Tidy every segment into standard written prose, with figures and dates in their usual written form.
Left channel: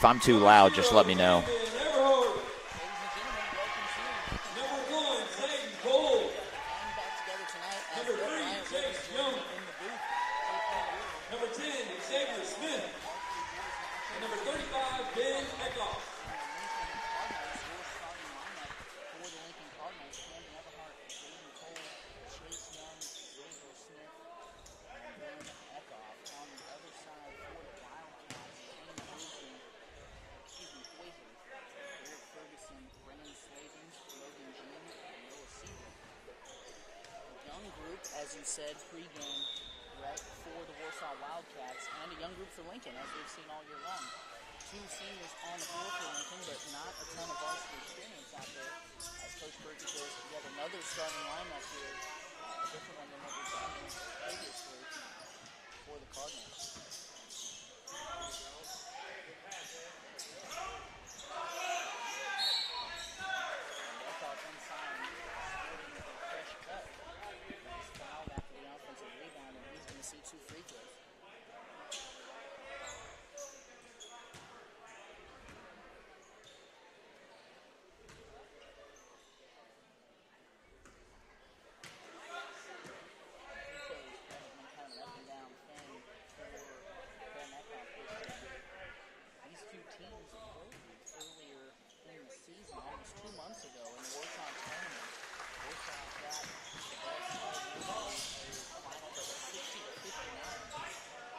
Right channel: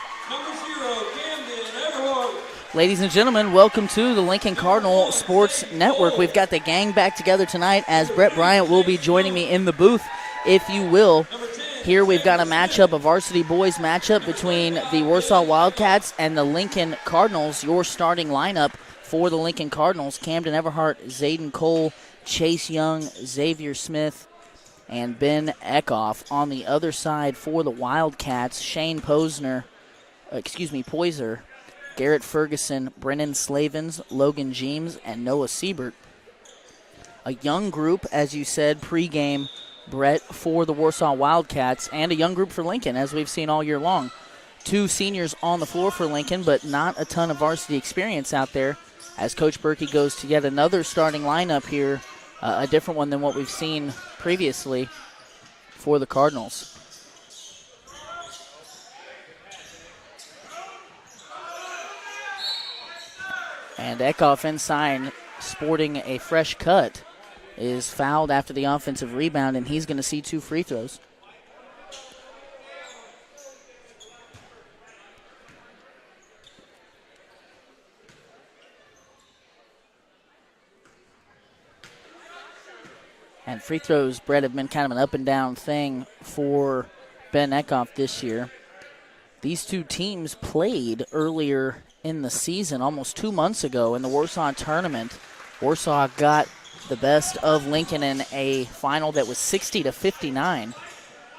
If I'm too loud, just let me know. Ladies and gentlemen, welcome to the Lincoln Cardinal Sports Network. We've got the gang back together tonight as Brett Bryant will be joining me in the booth, if you will. Here we've got a matchup, a varsity boys matchup between the Warsaw Wildcats and the Lincoln Cardinals. Your starting lineup for the Lincoln Cardinals: Camden Everhart, Zayden Cole, Chase Young, Xavier Smith, and Ben Eckhoff. On the other side for the Wildcats, Shane Poiser, Garrett Ferguson, Brennan Slavens, Logan Jeems, and Noah Siebert. A young group, as you said, pregame, Brett, for the Warsaw Wildcats, and a young group for Lincoln, as we've seen all year long. 2 seniors on the floor for Lincoln, but not a ton of varsity experience out there, as Coach Berkey goes to yet another starting lineup here, a different one than what we've seen previously for the Cardinals. And Eckhoff inside, sporting a fresh cut, is fouled after the offensive rebound, and he's going to see 2 free throws. And free throws, Brett, have been kind of an up-and-down thing for Ben Eckhoff this year. These 2 teams played earlier in the season, almost 2 months ago, in the Warsaw tournament. Warsaw got the best of Lincoln in a final that was 60-59.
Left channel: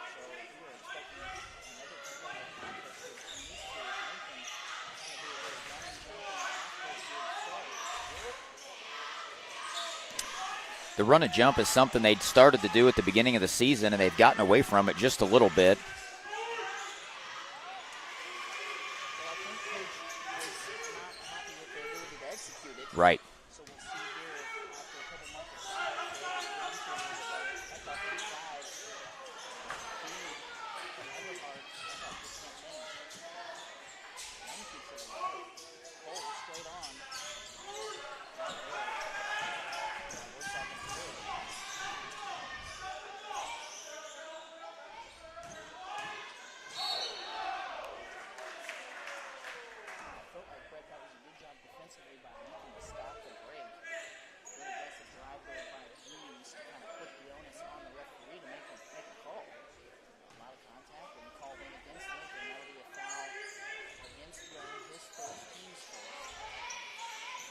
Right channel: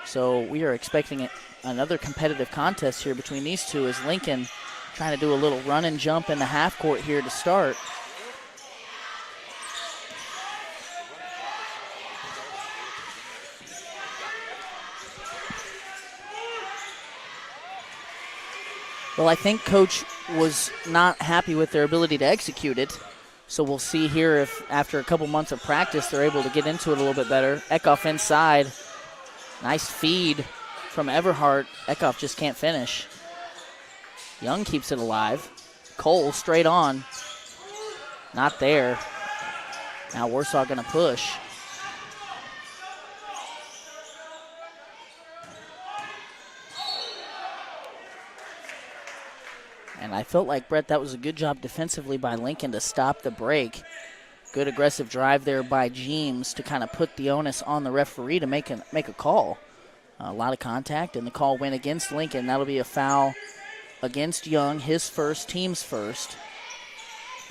So we are expecting another competitive contest here between these two, as Lincoln trying to do a little run and jump in the half court here to start. The run and jump is something they'd started to do at the beginning of the season, and they've gotten away from it just a little bit. Well, I think Coach was not happy with their ability to execute it. Right. So we'll see here if after a couple months of practice they're able to get into it a little bit better. Eckhoff inside. Nice feed from Everhart. Eckhoff just can't finish. Young keeps it alive. Cole straight on. Not there. Now Warsaw going to push. And I felt like, Brett, that was a good job defensively by Lincoln to stop the break. Good aggressive drive there by Jeems to kind of put the onus on the referee to make a call. A lot of contact, and the call went against Lincoln. That'll be a foul against Young, his first, team's first.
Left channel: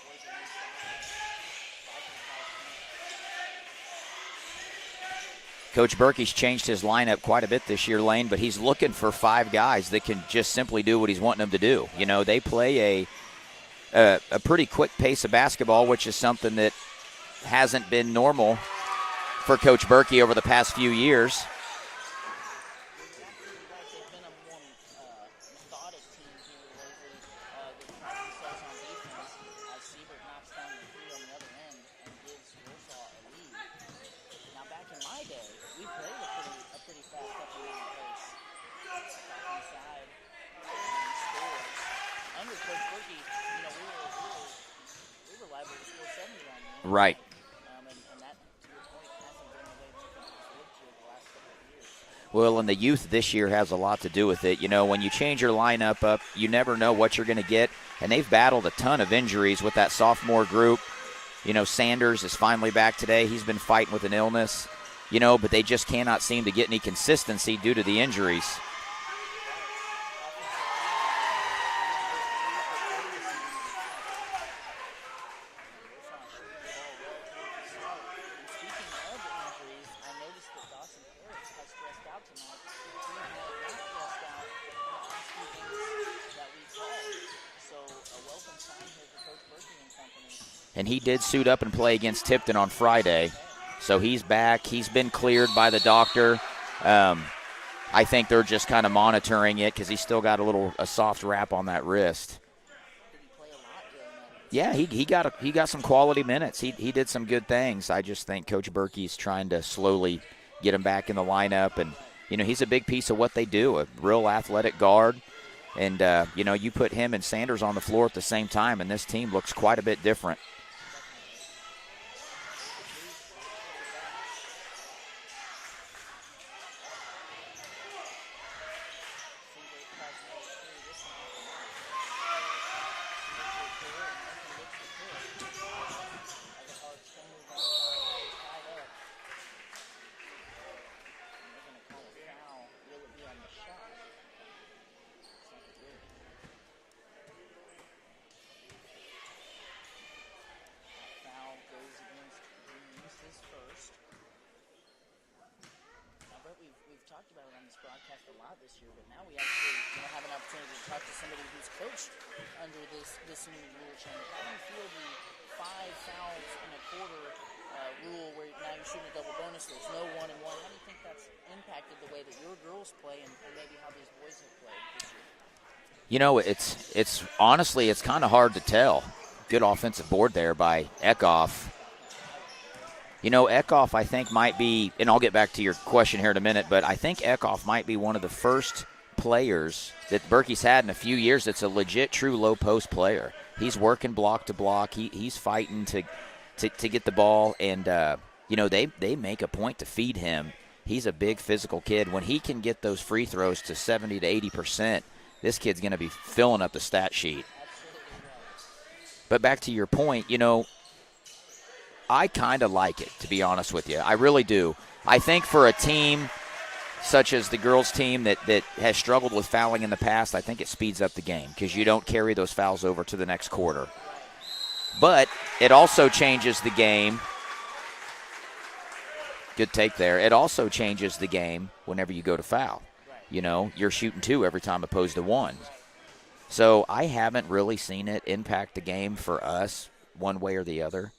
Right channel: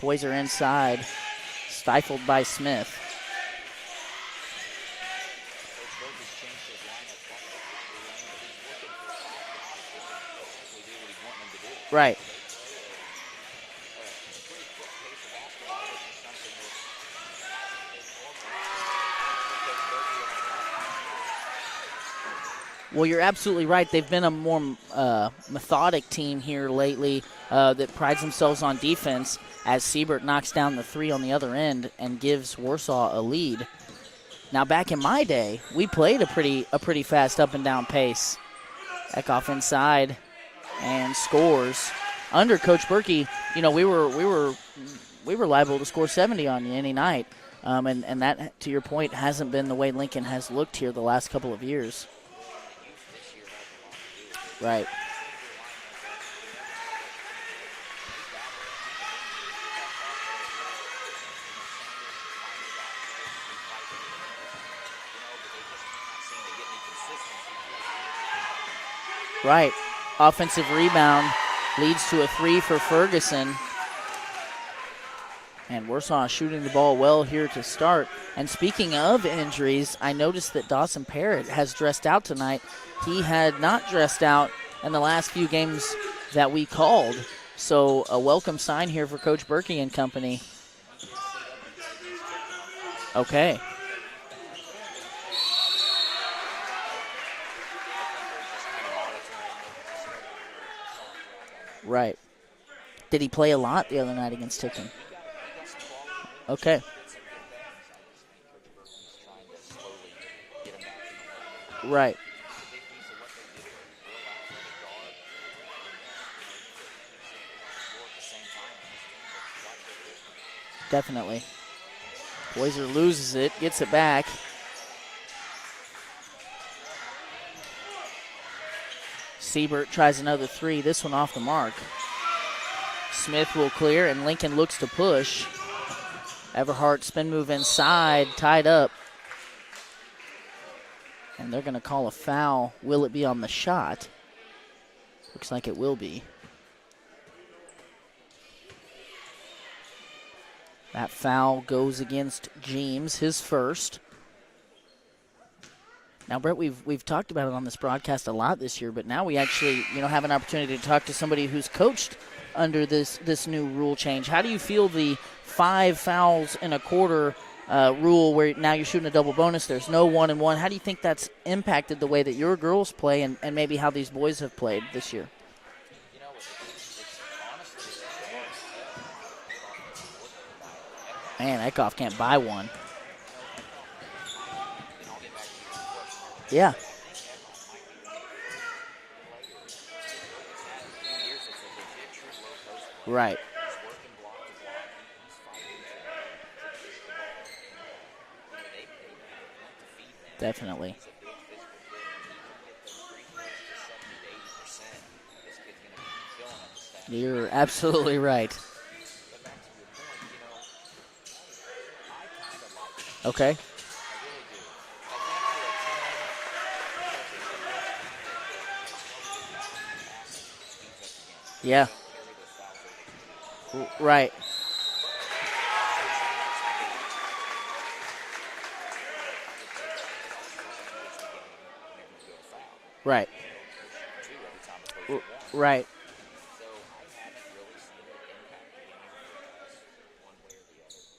Boys are inside, stifled by Smith. Coach Berkey's changed his lineup quite a bit this year, Lane, but he's looking for 5 guys that can just simply do what he's wanting them to do. Right. You know, they play a pretty quick pace of basketball, which is something that hasn't been normal for Coach Berkey over the past few years. Well, you're absolutely right. They've been a more methodic team here lately that prides themselves on defense, as Siebert knocks down the 3 on the other end and gives Warsaw a lead. Now, back in my day, we played a pretty fast up and down pace. Eckhoff inside and scores. Under Coach Berkey, you know, we were liable to score 70 on you any night. And that, to your point, hasn't been the way Lincoln has looked here the last couple of years. Well, and the youth this year has a lot to do with it. You know, when you change your lineup up, you never know what you're going to get. And they've battled a ton of injuries with that sophomore group. You know, Sanders is finally back today. He's been fighting with an illness, you know, but they just cannot seem to get any consistency due to the injuries. Right. Offensive rebound leads to a 3 for Ferguson. And Warsaw shooting the ball well here to start. And speaking of injuries, I noticed that Dawson Parrott has dressed out tonight. He had not dressed out in the last few games that we called. So a welcome sign here for Coach Berkey and company. And he did suit up and play against Tipton on Friday. Okay. So he's back. He's been cleared by the doctor. I think they're just kind of monitoring it because he's still got a soft wrap on that wrist. Did he play a lot the other night against Tipton? Yeah, he got some quality minutes. Okay. He did some good things. I just think Coach Berkey's trying to slowly get him back in the lineup. And, you know, he's a big piece of what they do, a real athletic guard. And, you know, you put him and Sanders on the floor at the same time, and this team looks quite a bit different. Definitely. Poiser loses it, gets it back. Siebert tries another three, this one off the mark. Smith will clear, and Lincoln looks to push. Everhart spin move inside, tied up. And they're going to call a foul. Will it be on the shot? Looks like it will be. That foul goes against James, his first. Now, Brett, we've talked about it on this broadcast a lot this year, but now we actually, have an opportunity to talk to somebody who's coached under this new rule change. How do you feel the 5 fouls in a quarter rule where now you're shooting a double bonus, there's no 1-and-1? How do you think that's impacted the way that your girls play and maybe how these boys have played this year? It's honestly, it's kind of hard to tell. Good offensive board there by Eckhoff. Man, Eckhoff can't buy one. Eckhoff, I think, might be, and I'll get back to your question here in a minute, but I think Eckhoff might be one of the first players that Berkey's had in a few years that's a legit, true low-post player. Right. He's working block to block. He's fighting to get the ball, and, they make a point to feed him. Definitely. He's a big physical kid. When he can get those free throws to 70 to 80%, this kid's going to be filling up the stat sheet. You're absolutely right. But back to your point, I kind of like it, to be honest with you. I really do. I think for a team such as the girls' team that has struggled with fouling in the past, I think it speeds up the game because you don't carry those fouls over to the next quarter. Right. But it also changes the game. Good take there. It also changes the game whenever you go to foul. Right. You're shooting 2 every time opposed to 1. Right. So I haven't really seen it impact the game for us one way or the other.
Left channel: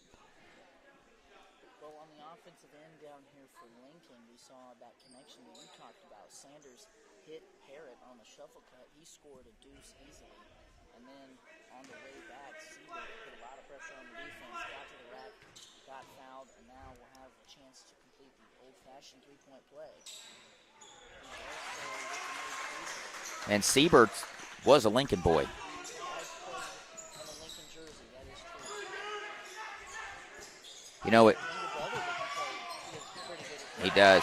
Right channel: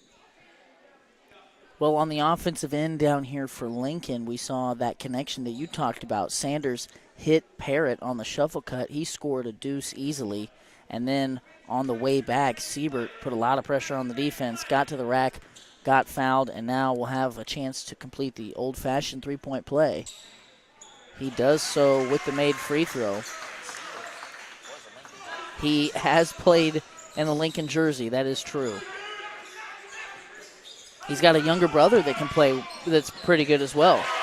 Well, on the offensive end down here for Lincoln, we saw that connection that you talked about. Sanders hit Parrott on the shuffle cut. He scored a deuce easily. And then on the way back, Siebert put a lot of pressure on the defense, got to the rack, got fouled, and now will have a chance to complete the old-fashioned three-point play. He does so with the made free throw. And Siebert was a Lincoln boy. He has played in the Lincoln jersey. That is true. He's got a younger brother that can play that's pretty good as well. He does.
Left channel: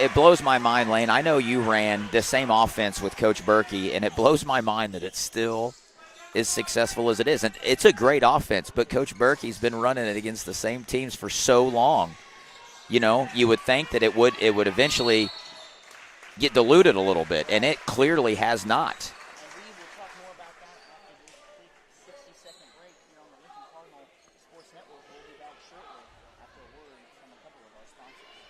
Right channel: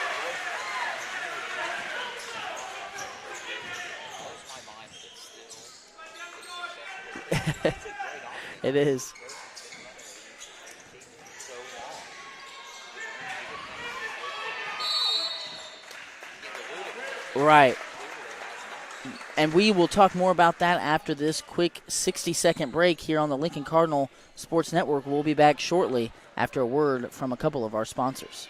It blows my mind, Lane. I know you ran the same offense with Coach Berkey, and it blows my mind that it's still as successful as it is. And it's a great offense, but Coach Berkey's been running it against the same teams for so long. You would think that it would eventually get diluted a little bit, and it clearly has not. And we will talk more about that after this quick 60-second break here on the Lincoln Cardinal Sports Network. We'll be back shortly after a word from a couple of our sponsors.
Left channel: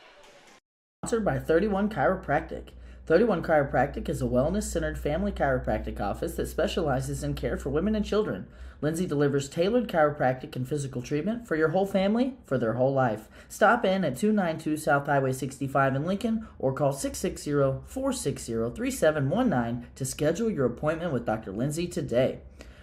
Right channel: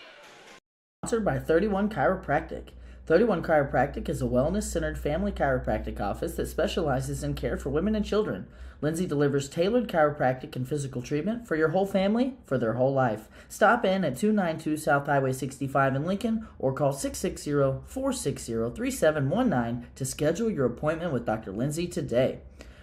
Sponsored by 31 Chiropractic. 31 Chiropractic is a wellness-centered family chiropractic office that specializes in care for women and children. Lindsay delivers tailored chiropractic and physical treatment for your whole family for their whole life. Stop in at 292 South Highway 65 in Lincoln or call 660-460-3719 to schedule your appointment with Dr. Lindsay today.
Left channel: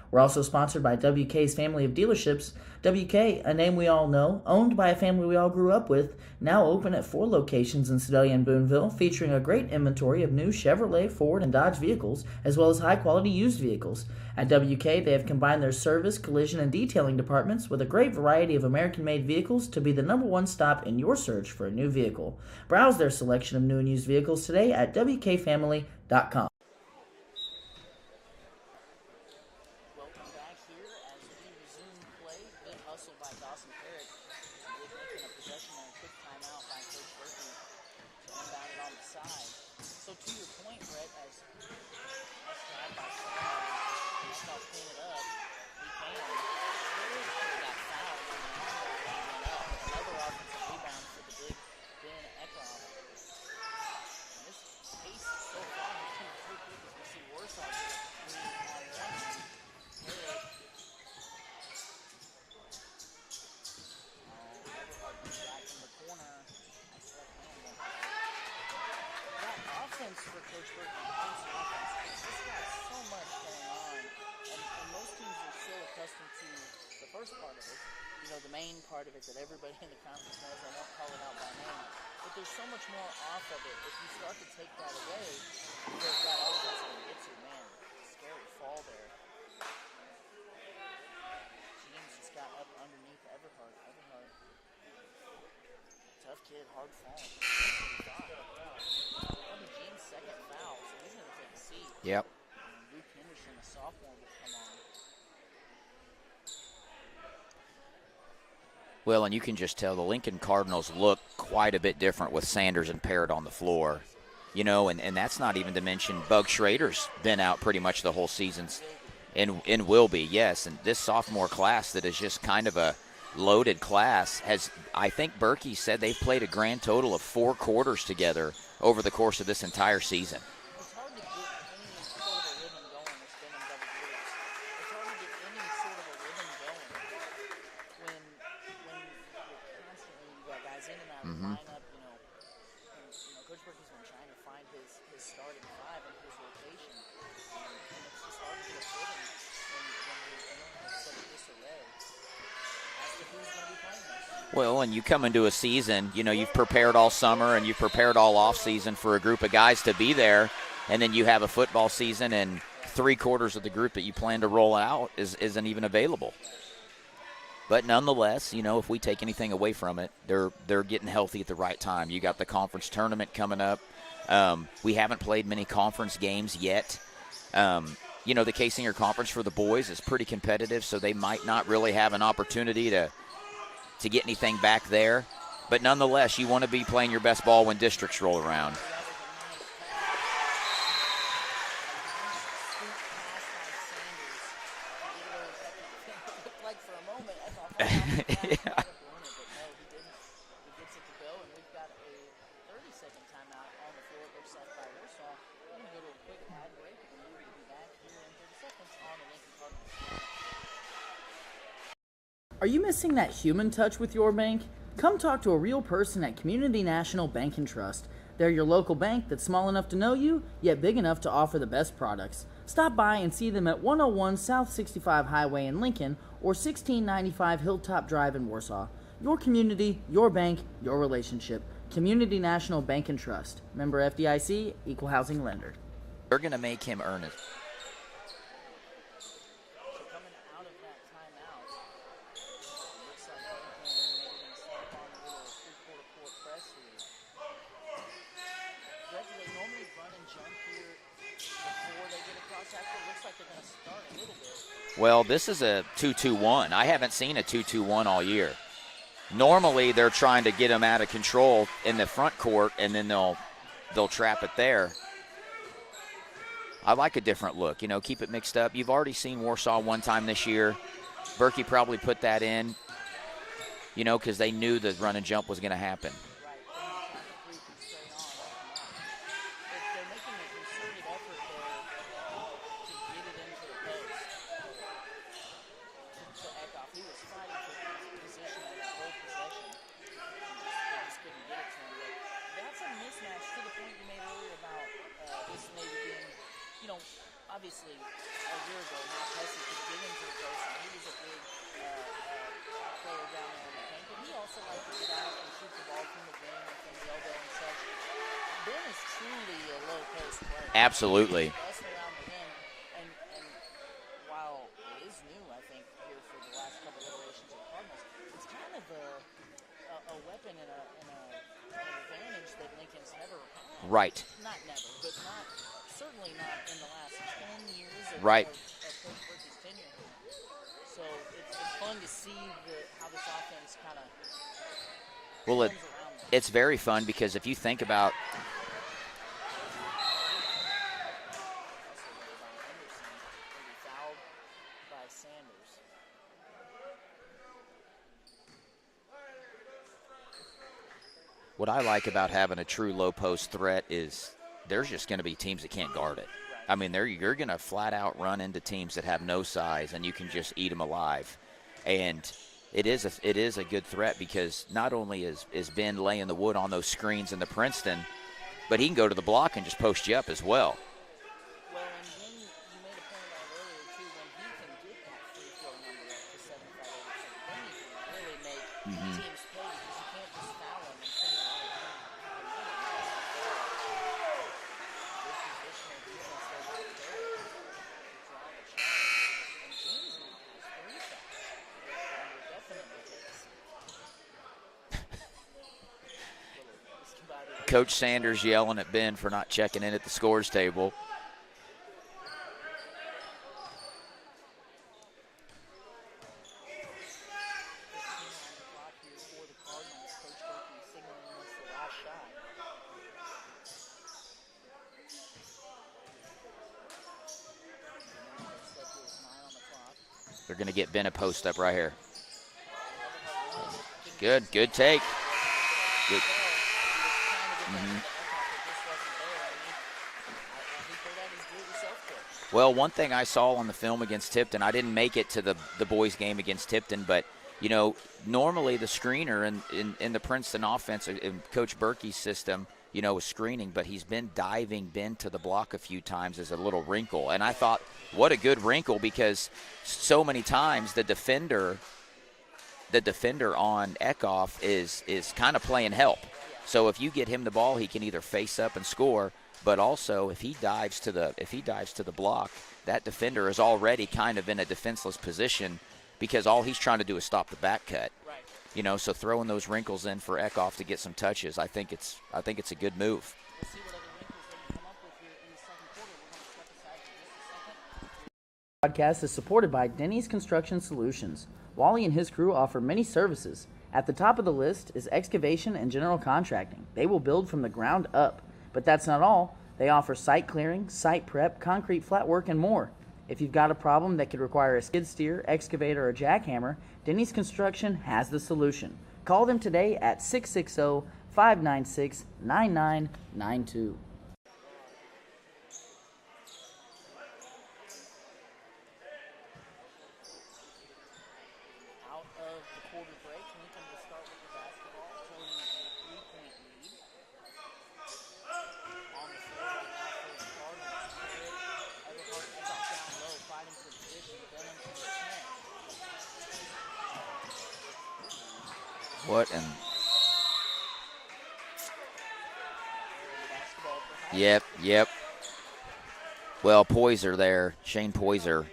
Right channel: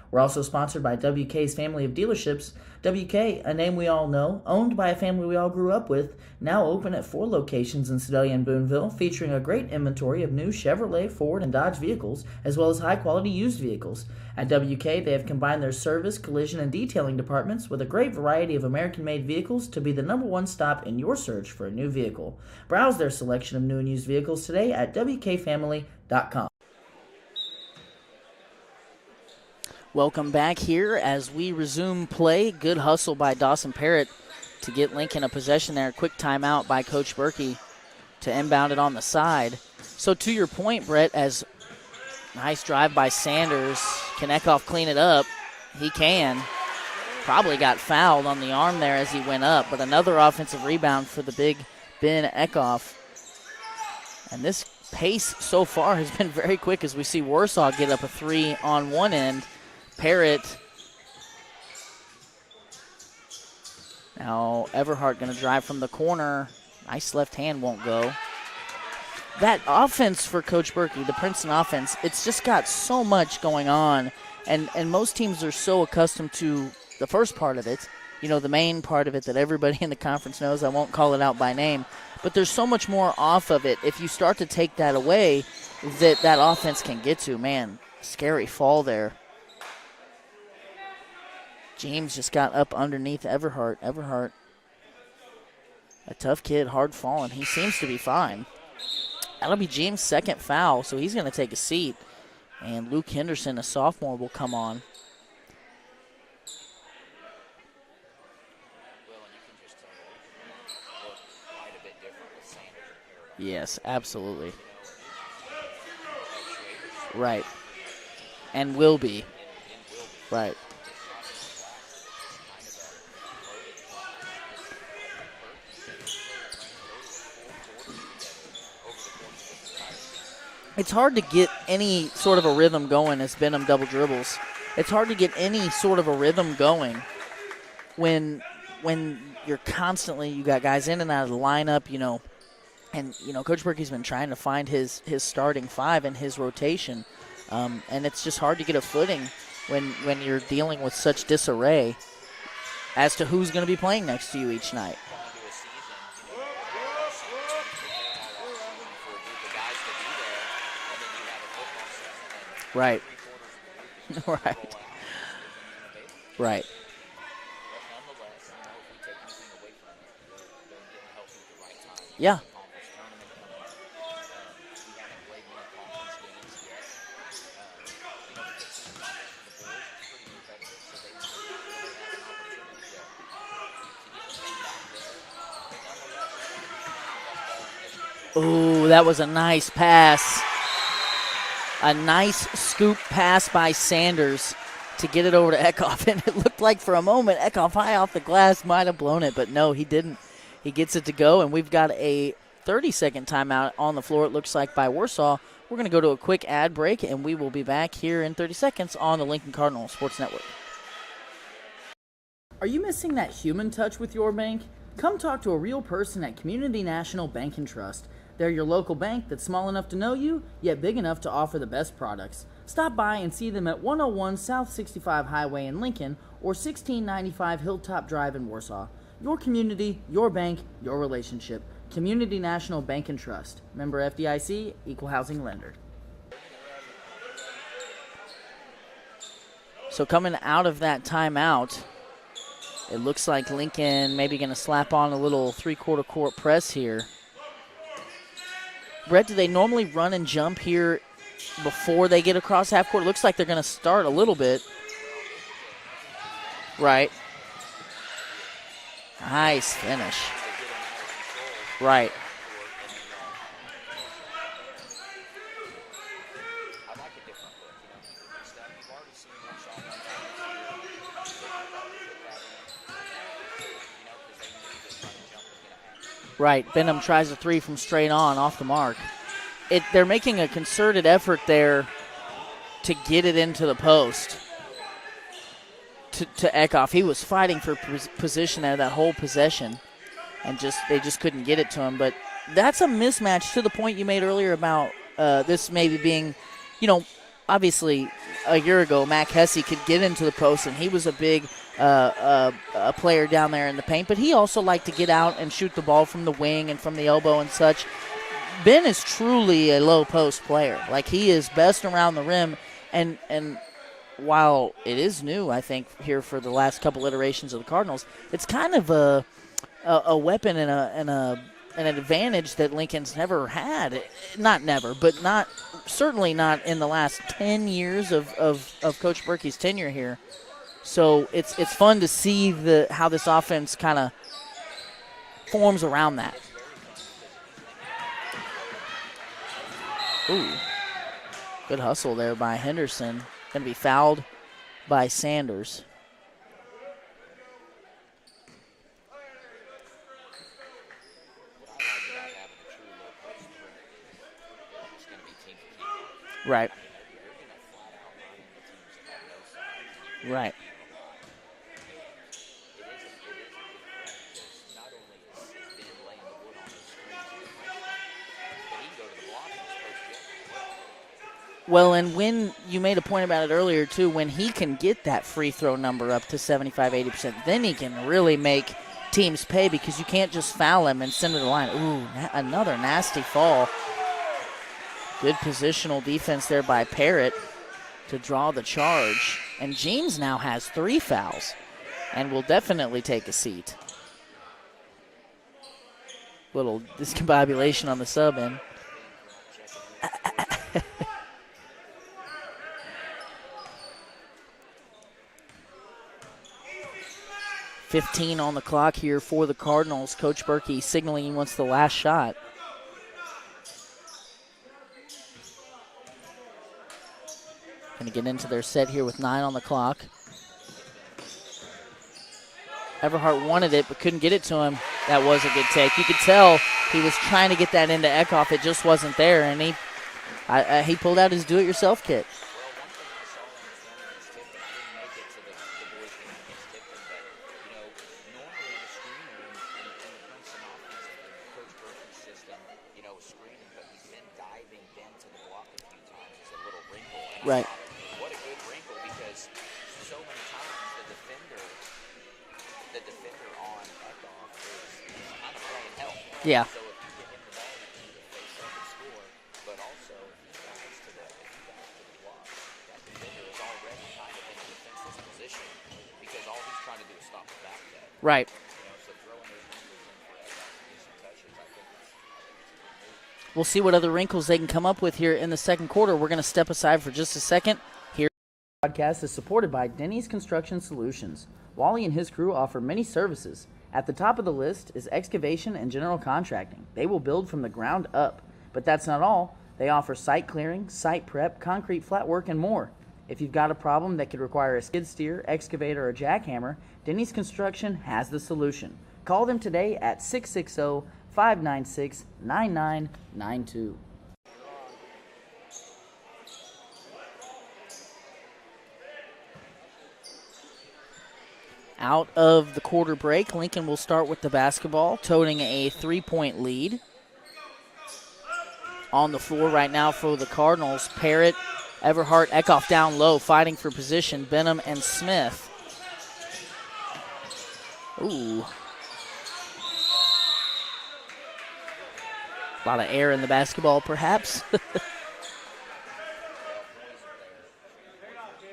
We're also sponsored by WK's family of dealerships. WK, a name we all know, owned by a family we all grew up with, now open at 4 locations in Sedalia and Boonville, featuring a great inventory of new Chevrolet, Ford, and Dodge vehicles, as well as high-quality used vehicles. At WK, they have combined their service, collision, and detailing departments with a great variety of American-made vehicles to be the #1 stop in your search for a new vehicle. Browse their selection of new and used vehicles today at WKFamily.com. Welcome back here as we resume play. Good hustle by Dawson Parrott to get Lincoln a possession there. Quick timeout by Coach Berkey to inbound it on the side. So to your point, Brett, as nice drive by Sanders. Can Eckhoff clean it up? He can. Probably got fouled on the arm there as he went up, but another offensive rebound for the big Ben Eckhoff. And this pace so far has been very quick as we see Warsaw get up a 3 on one end. Parrott. Now Everhart going to drive from the corner. Nice left hand, won't go. That offense for Coach Berkey, the Princeton offense, it's just got so much going on. And most teams are so accustomed to the first part of it, the main part of it that everybody in the conference knows. I won't call it out by name. But there's so much more off of it. If you start to take that away, that offense can get to. Man, scary fall there. James just got up underneath Everhart. Everhart, a tough kid, hard falling. He seems to be fine. That'll be James' second foul, so he's going to take a seat. Yep. And Luke Henderson, a sophomore, will come on. Well, and you can just tell the Lincoln Cardinals look quite a bit different with Sanders and Parrott on the floor. Yes, absolutely. You know, and that's not even to mention Bug Schrader's been out pretty much the whole season. And will be. And will be, yes. And this sophomore class that is just kind of a loaded class has, I think Berkey said they've played a grand total of 4 quarters together over the course of this entire season. It's hard to get any sort of a rhythm going as Benham double dribbles. It's hard to get any sort of a rhythm going when you're constantly, you got guys in and out of the lineup, you know, and, you know, Coach Berkey's been trying to find his starting 5 and his rotation, and it's just hard to get a footing when you're dealing with such disarray as to who's going to be playing next to you each night. And you come into a season, you know, you've prepared all summer and you've prepared all off season for a group of guys to be there, and then you have a football season and 3 quarters of the group that you plan to roll out isn't even available. Right. But nonetheless, you know, if we take anything away from it, they're getting healthy at the right time. You got the conference tournament coming up. We haven't played many conference games yet. You know, the K-Senior Conference for the boys is pretty competitive, so they might not really have an opportunity to get anything back there. But nonetheless, you want to be playing your best ball when districts roll around. Ooh, that was a nice pass. A nice scoop pass by Sanders to get it over to Eckhoff, and it looked like for a moment Eckhoff high off the glass might have blown it, but no, he didn't. He gets it to go, and we've got a 30-second timeout on the floor, it looks like, by Warsaw. We're going to go to a quick ad break, and we will be back here in 30 seconds on the Lincoln Cardinal Sports Network. Are you missing that human touch with your bank? Come talk to a real person at Community National Bank and Trust. They're your local bank that's small enough to know you, yet big enough to offer the best products. Stop by and see them at 101 South 65 Highway in Lincoln or 1695 Hilltop Drive in Warsaw. Your community, your bank, your relationship. Community National Bank and Trust. Member FDIC, Equal Housing Lender. They're going to make him earn it. So coming out of that timeout, it looks like Lincoln maybe going to slap on a little 3/4 court press here. Brett, do they normally run and jump here before they get across half court? It looks like they're going to start a little bit. Well, this is a 2-2-1. I haven't seen a 2-2-1 all year. Nice Normally, finish. they're trying to get them out of control in the front court, and then they'll trap it there. I like a different look. You know, keep it mixed up. You've already seen Warsaw one time this year. Berkey probably put that in, you know, because they knew the run and jump was going to happen. Right. Benham tries a 3 from straight on, off the mark. They're making a concerted effort there to get it into the post to Eckhoff. He was fighting for position there that whole possession, and they just couldn't get it to him. But that's a mismatch to the point you made earlier about this maybe being, you know, obviously a year ago Mac Hesse could get into the post, and he was a big a player down there in the paint, but he also liked to get out and shoot the ball from the wing and from the elbow and such. Ben is truly a low post player. Absolutely. Like, he is best around the rim, and while it is new, I think, here for the last couple iterations of the Cardinals, it's kind of a weapon and an advantage that Lincoln's never had. Right. Not never, but certainly not in the last 10 years of Coach Berkey's tenure here. So it's fun to see how this offense kind of forms around that. It's very fun because if you think about – ooh, good hustle there by Henderson. Going to be fouled by Sanders. what I like about having a true low post threat is there's just going to be teams that can't guard it. Right. I mean, you're going to flat out run into teams that have no size, and you can just eat them alive. And it is a good threat because not only is Ben laying the wood on those screens in the Princeton, but he can go to the block and just post you up as well. Well, and when you made a point about it earlier, too, when he can get that free throw number up to 75, 80%, then he can really make teams pay because you can't just foul him and send it to the line. Ooh, another nasty fall. Good positional defense there by Parrott to draw the charge. And James now has 3 fouls and will definitely take a seat. Little discombobulation Coach on the Sanders sub. yelling at Ben for not checking in at the scores table. 15 on the clock here for the Cardinals. Coach Berkey signaling he wants the last shot. Going to get into their set here with 9 on the clock. They're going to get Ben a post up right here. Everhart wanted it but couldn't get it to him. Take. That was a good take. You could tell he was trying to get that into Eckhoff. It just wasn't there, and he pulled out his do-it-yourself kit. Well, one thing I saw on the film against Tipton, I didn't make it to the boys' game against Tipton, but, you know, normally the screener in the Princeton offense, in Coach Berkey's system, you know, is screening, but he's been diving Ben to the block a few times as a little wrinkle. And I thought, what a good wrinkle, because so many times the defender on Eckhoff is kind of playing help. Yeah. So if you get him the ball, he can either face up and score, but also if he dives to the block, that defender is already kind of in a defenseless position, because all he's trying to do is stop the back cut. Right. You know, so throwing those wrinkles in for Eckhoff to get some touches, I think it's a good move. We'll see what other wrinkles they can come up with here in the second quarter. We're going to step aside for just a second. Here. The podcast is supported by Denny's Construction Solutions. Wally and his crew offer many services. At the top of the list is excavation and general contracting. They will build from the ground up. But that's not all. They offer site clearing, site prep, concrete flat work, and more. If you've got a problem that could require a skid steer, excavator, or jackhammer, Denny's Construction has the solution. Call them today at 660-596-9992. Out of the quarter break, Lincoln will start with the basketball, toting a 3-point lead. On the floor right now for the Cardinals, Parrott, Everhart, Eckhoff down low, fighting for position, Benham and Smith. Ooh. A lot of air in the basketball, perhaps. Yep. Well, Poyser there, Shane Poyser,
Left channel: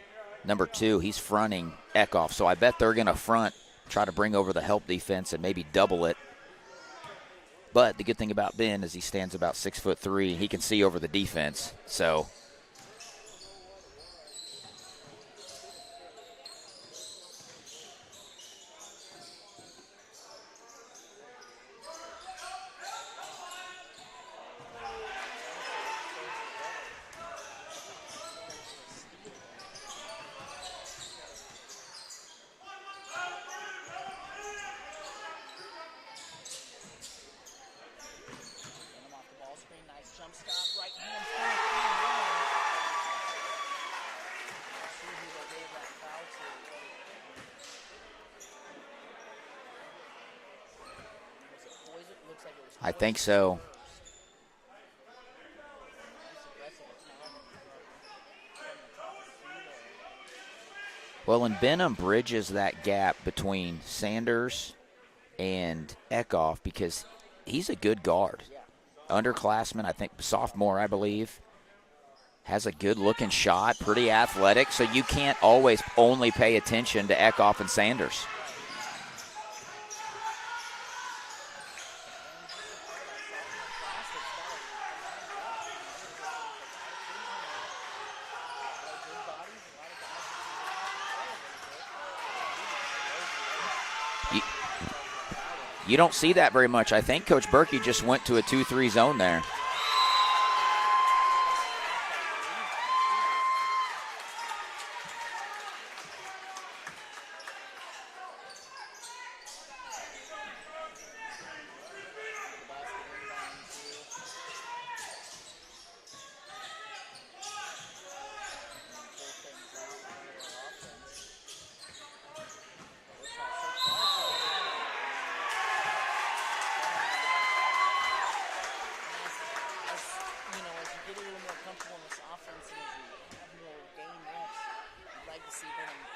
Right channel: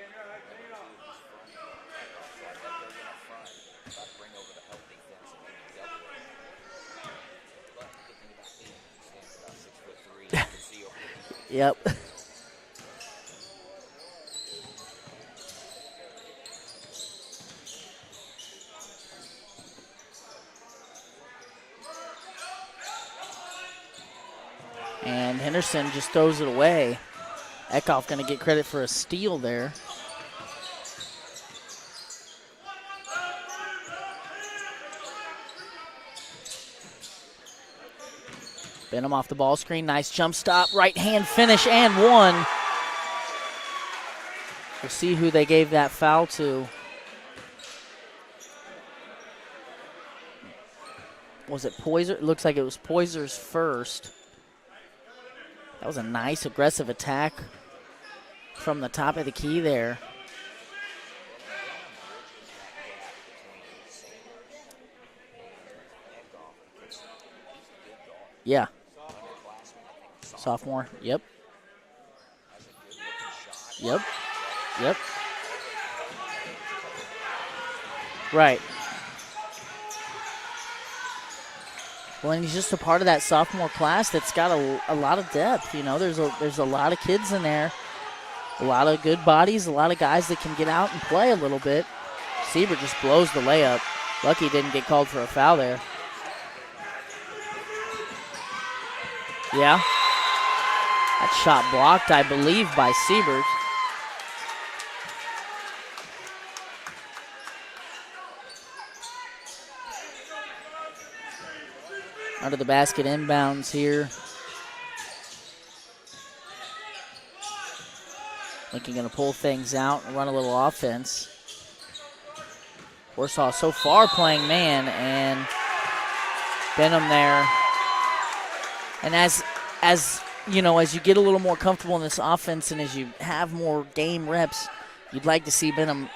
number 2, he's fronting Eckhoff. So I bet they're going to front, try to bring over the help defense and maybe double it. But the good thing about Ben is he stands about 6'3". He can see over the defense. Yep. So. And Henderson just throws it away. Eckhoff going to get credit for a steal there. Benham off the ball screen. Nice jump stop. Right hand finish and one. We'll see who they gave that foul to. Was it Poyser? It looks like it was Poyser's first. That was a nice aggressive attack from the top of the key there. Well, and Benham bridges that gap between Sanders and Eckhoff because he's a good guard. Yeah. Underclassman, I think sophomore, I believe. Yep. Has a good-looking shot, pretty athletic, so Yep. you can't always only pay attention to Eckhoff and Sanders. Right. Well, and he's just a part of that sophomore class that's got a lot of depth. You know, there's a lot of kids in there, a lot of good bodies, a lot of guys that can get out and play a little bit. Siebert just blows the layup. Lucky didn't get called for a foul there. You don't see that very much. I think Coach Berkey just went to a 2-3 zone there. Yeah. That shot blocked, I believe, by Siebert. Under the basket, inbounds here. Lincoln going to pull things out and run a little offense. Warsaw so far playing man, and Benham there. And as you know, as you get a little more comfortable in this offense and as you have more game reps, you'd like to see Benham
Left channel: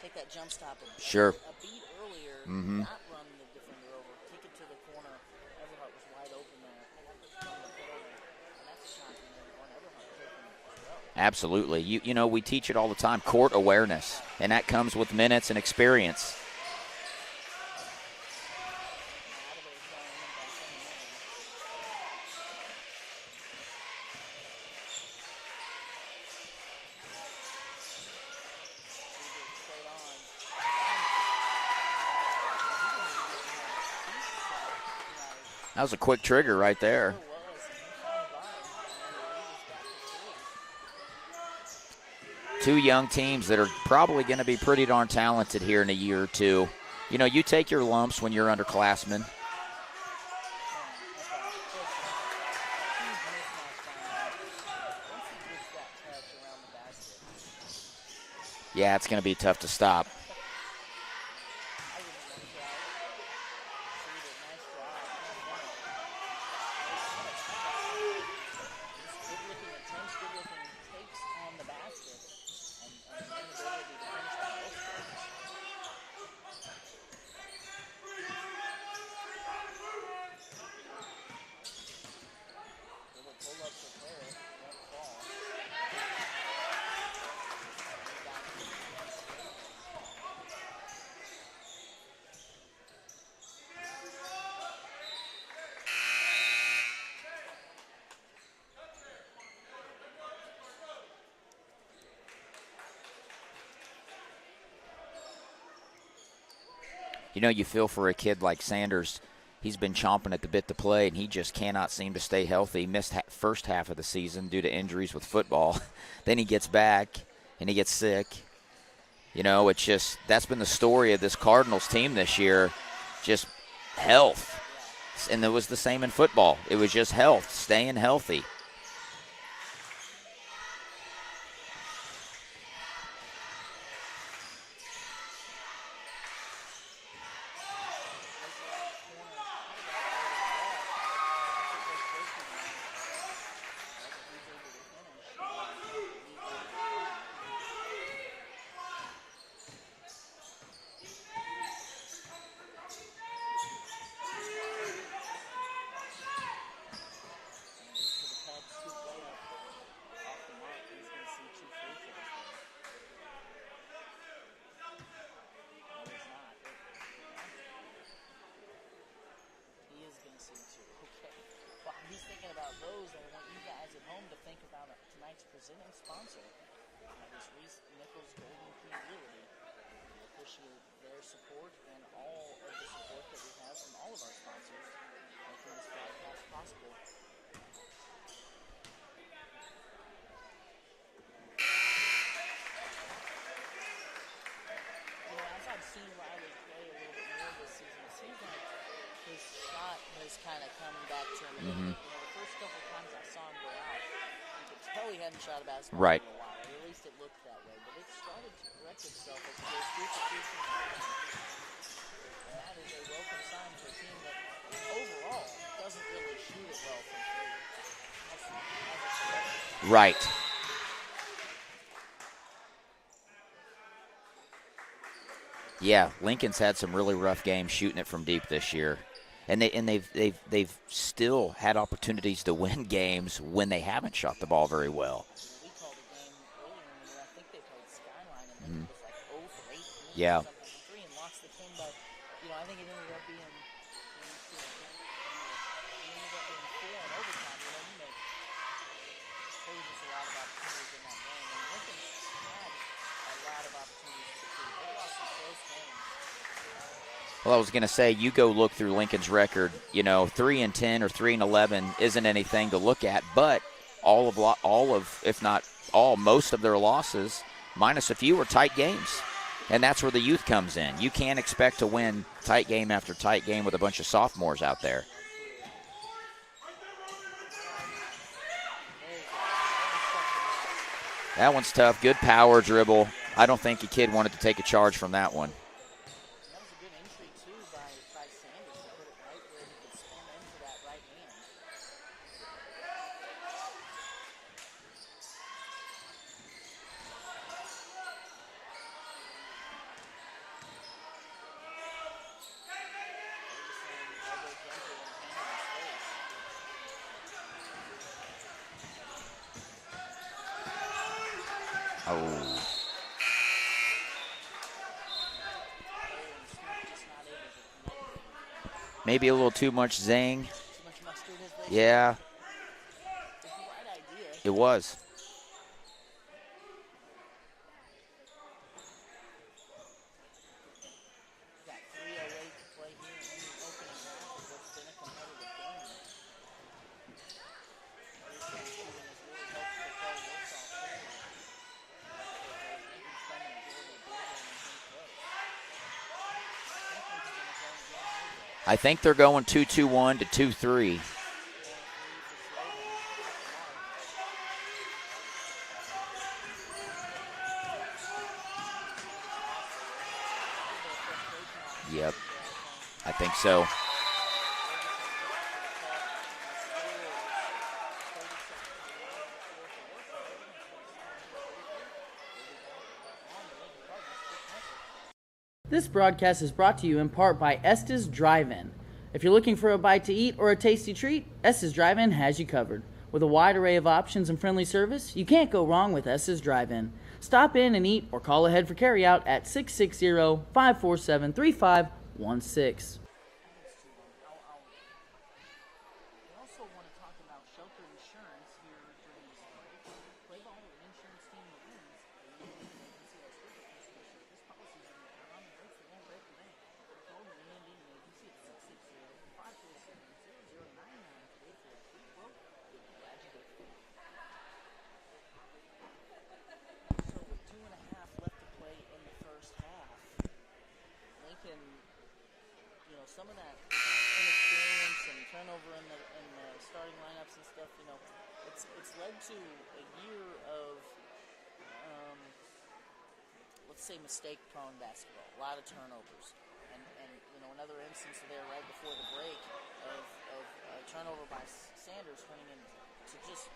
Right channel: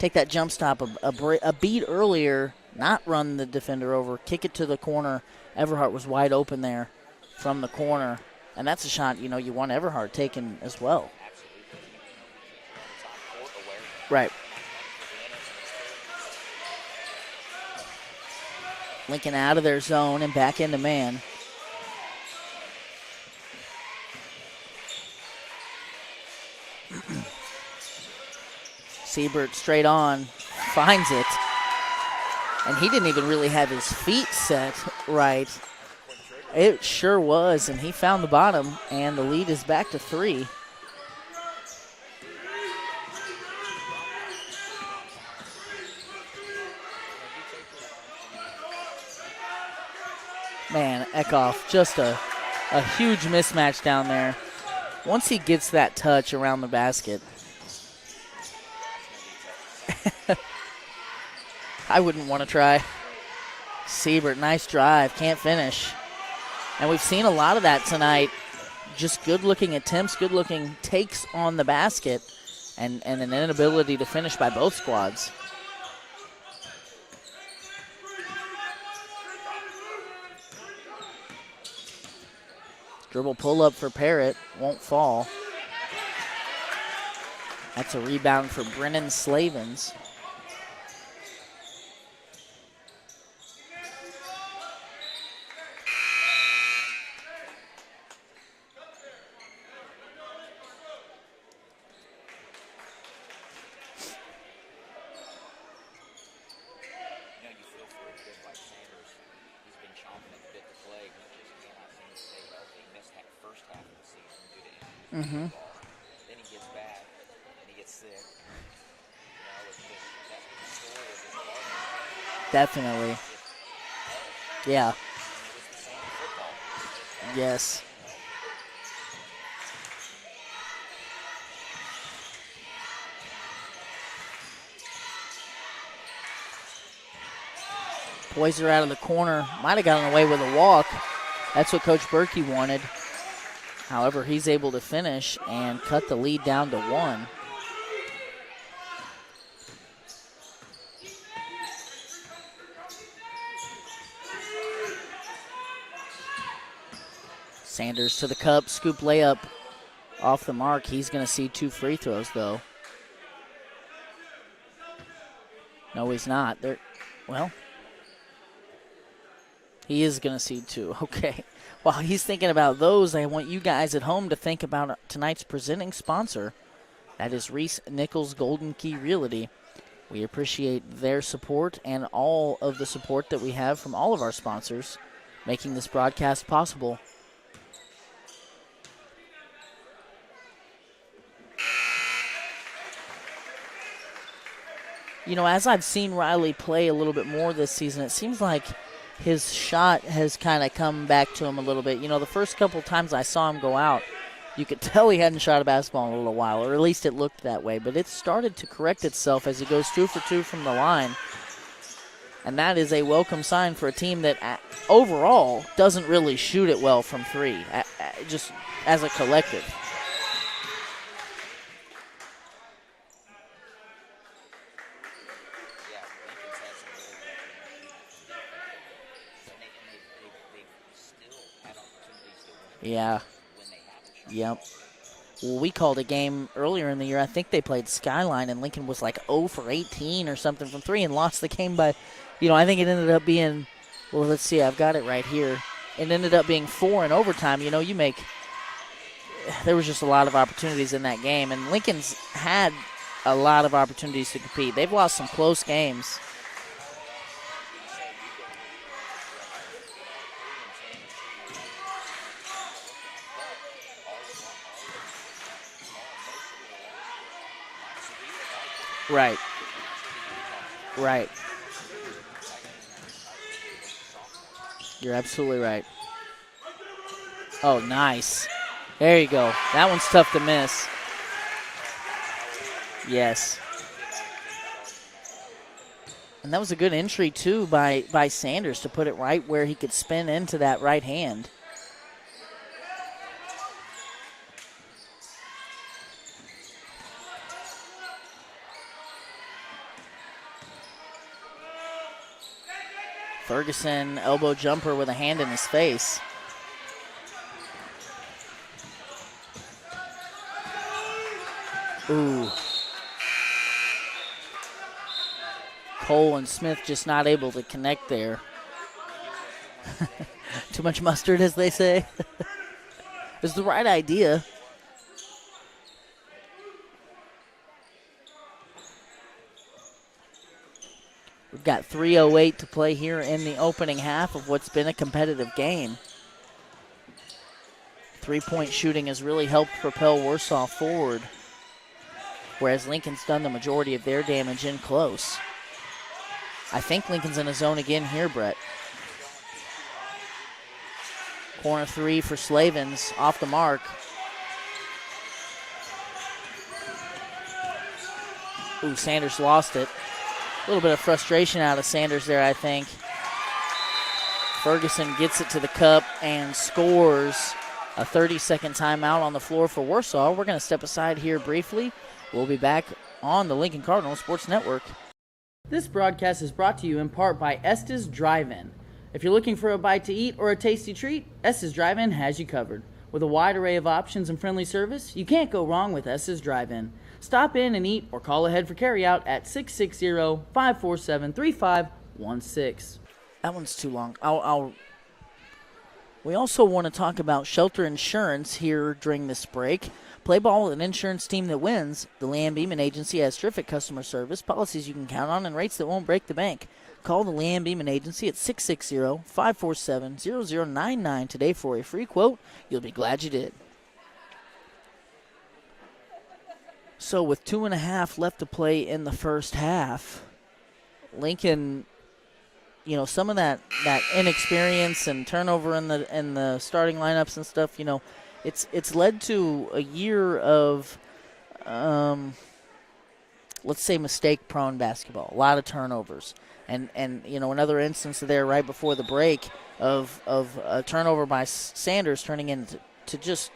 take that jump stop a beat earlier, not run the defender over, kick it to the corner. Everhart was wide open there from the corner. And that's a shot, you know, you want Everhart taken as well. Absolutely. You know, we teach it all the time, court awareness. Right. And that comes with minutes and experience. Lincoln out of their zone and back into man. Siebert straight on, finds it. And he didn't even really have his feet set right. That was a quick trigger right there. It sure was, and he found the bottom, and the lead is back to 3. Two young teams that are probably going to be pretty darn talented here in a year or two. You know, you take your lumps when you're underclassmen. Man, Eckhoff, just a huge mismatch down there. Once he gets that touch around the basket. Yeah, it's going to be tough to stop. I wouldn't want to try. Siebert, nice drive, can't finish. And we've seen a lot of that tonight. Just good-looking attempts, good-looking takes on the basket, and an inability to finish by both squads. Dribble pull-up for Parrott, won't fall. That's a rebound for Brennan Slavens. You know, you feel for a kid like Sanders. He's been chomping at the bit to play, and he just cannot seem to stay healthy. He missed first half of the season due to injuries with football. Then he gets back, and he gets sick. You know, it's just that's been the story of this Cardinals team this year. Definitely. Just health. Yeah. And it was the same in football. It was just health, Yes. staying healthy. Poiser out of the corner. Might have gotten away with a walk. That's what Coach Berkey wanted. However, he's able to finish and cut the lead down to 1. Sanders to the cup, scoop layup off the mark. He's going to see 2 free throws, though. No, he's not. Well, he is going to see 2. Okay. While he's thinking about those, I want you guys at home to think about tonight's presenting sponsor. That is Reese Nichols Golden Key Realty. We appreciate their support and all of the support that we have from all of our sponsors making this broadcast possible. You know, as I've seen Riley play a little bit more this season, it seems like his shot has kind of come back to him a little bit. You know, the first couple times I saw him go out, you could tell he hadn't shot a basketball in a little while, or at least it looked that way. But it started to correct itself as he goes 2 for 2 from the line. And that is a welcome sign for a team that overall doesn't really shoot it well from 3, just as a collective. Right. Yeah, Lincoln's had some really rough games shooting it from deep this year. And they've still had opportunities to win games when they haven't shot the ball very well. Well, we called a game earlier in the year. I think they played Skyline, and Lincoln was like 0 for 18 or something from 3 and lost the game by, I think it ended up being, well, let's see, I've got it right here. It ended up being 4 in overtime. There was just a lot of opportunities in that game, and Lincoln's had a lot of opportunities to compete. They've lost some close games. Well, I was going to say, you go look through Lincoln's record, 3-10 or 3-11 isn't anything to look at, but most of their losses, minus a few, are tight games. Right. And that's where the youth comes in. You can't expect to win tight game after tight game with a bunch of sophomores out there. You're absolutely right. Oh, nice. There you go. That one's tough to miss. That one's tough. Good power dribble. Yes. I don't think the kid wanted to take a charge from that one. And that was a good entry, too, by Sanders to put it right where he could spin into that right hand. Ferguson, elbow jumper with a hand in his face. Ooh. Cole and Smith just not able to connect there. maybe a little too much zing. Too much mustard, as they say. Yeah. It was the right idea. It was. We've got 3:08 to play here in the opening half of what's been a competitive game. 3-point shooting has really helped propel Warsaw forward, whereas Lincoln's done the majority of their damage in close. I think Lincoln's in a zone again here, Brett. I think they're going 2-2-1 to 2-3. Corner three for Slavens, off the mark. Ooh, Sanders lost it. A little bit of frustration out of Sanders there, I think. I think so. Ferguson gets it to the cup and scores. A 30-second timeout on the floor for Warsaw. We're going to step aside here briefly. We'll be back on the Lincoln Cardinal Sports Network. This broadcast is brought to you in part by Estes Drive-In. If you're looking for a bite to eat or a tasty treat, Estes Drive-In has you covered. With a wide array of options and friendly service, you can't go wrong with Estes Drive-In. Stop in and eat or call ahead for carryout at 660-547-3516. That one's too long. We also want to talk about Shelter Insurance here during this break. Play ball with an insurance team that wins. The Leanne Beeman Agency has terrific customer service, policies you can count on, and rates that won't break the bank. Call the Leanne Beeman Agency at 660-547-0099 today for a free quote. You'll be glad you did. So with 2.5 left to play in the first half, Lincoln, you know, some of that inexperience and turnover in the starting lineups and stuff, you know, it's led to a year of, let's say, mistake-prone basketball. A lot of turnovers, and you know, another instance there right before the break of a turnover by Sanders turning into just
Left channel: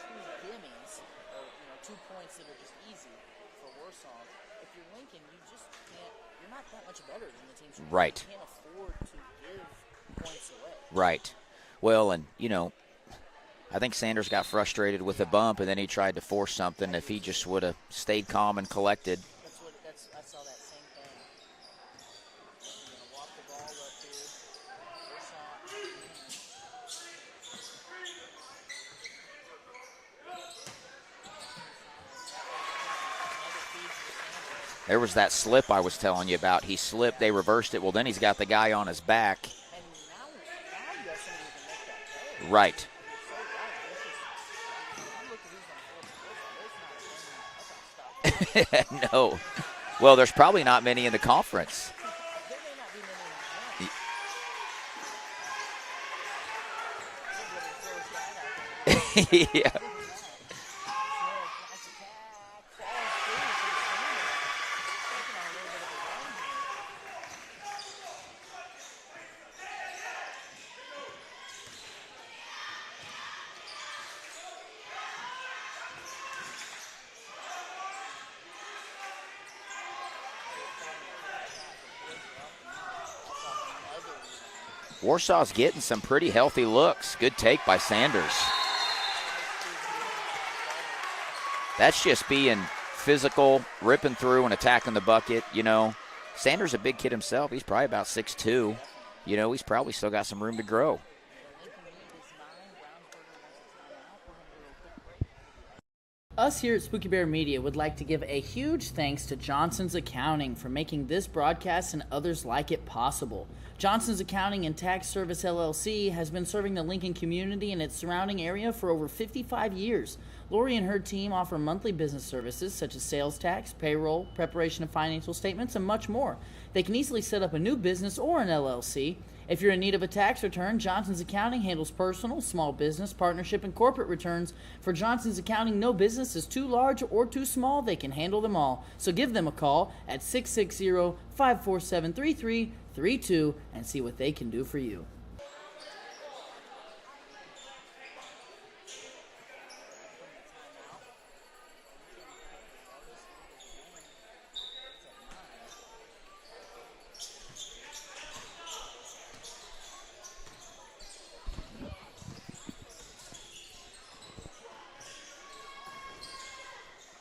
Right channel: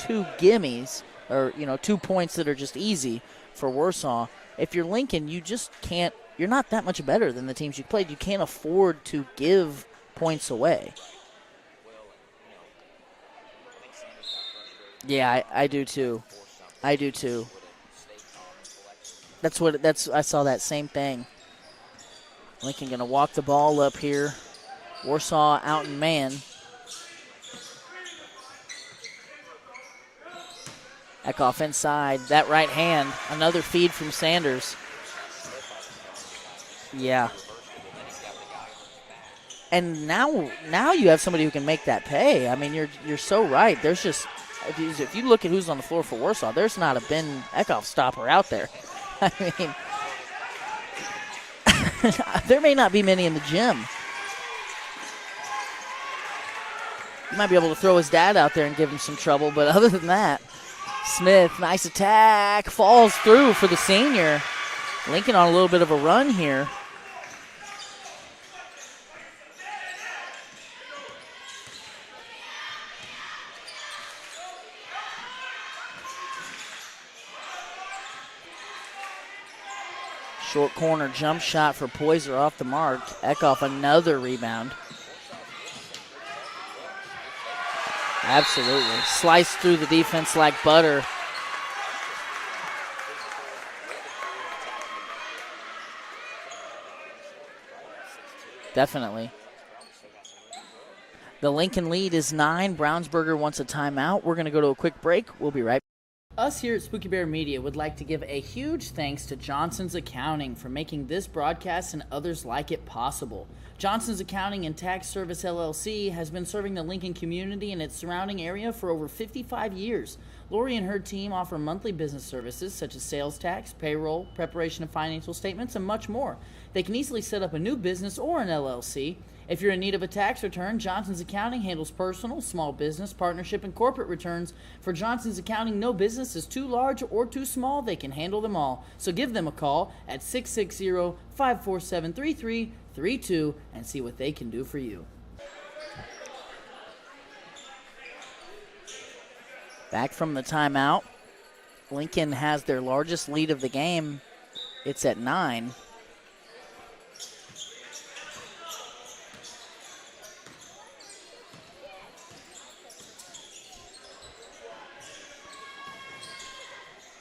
2 gimmies, or, you know, 2 points that are just easy for Warsaw. If you're Lincoln, you just can't. You're not that much better than the teams you played. Right. You can't afford to give points away. Right. Well, and, you know, I think Sanders got frustrated with Yeah, the bump, I and then do he tried too. to force something. I if do he too. just would have stayed calm and collected. I saw that same thing. Lincoln going to walk the ball up here. Warsaw out in man. Eckhoff inside. That right hand. Another feed from Sanders. There was that slip I was telling you about. He slipped, Yeah. They reversed it. Well, then he's got the guy on his back. And now you have somebody who can make that pay. I mean, you're so right. There's just, if you look at who's on the floor for Warsaw, there's not a Ben Eckhoff stopper out there. No. I mean, Well, there's probably not many in the conference. there may not be many in the gym. You might be able to throw his dad out there and give him some trouble, but other than that, Smith, nice attack, falls through for the senior. Lincoln on a little bit of a run here. Short corner jump shot for Poyser off the mark. Eckhoff another rebound. Warsaw's getting some pretty healthy looks. Good take by Sanders. Absolutely. Sliced through the defense like butter. That's just being physical, ripping through and attacking the bucket. You know, Sanders a big kid himself. He's probably about 6'2". Definitely. You know, he's probably still got some room to grow. The Lincoln lead is 9. Brownsburger wants a timeout. We're going to go to a quick break. We'll be right back. Us here at Spooky Bear Media would like to give a huge thanks to Johnson's Accounting for making this broadcast and others like it possible. Johnson's Accounting and Tax Service LLC has been serving the Lincoln community and its surrounding area for over 55 years. Lori and her team offer monthly business services such as sales tax, payroll, preparation of financial statements, and much more. They can easily set up a new business or an LLC. If you're in need of a tax return, Johnson's Accounting handles personal, small business, partnership, and corporate returns. For Johnson's Accounting, no business is too large or too small. They can handle them all. So give them a call at 660-547-3332 and see what they can do for you. Back from the timeout. Lincoln has their largest lead of the game. It's at 9.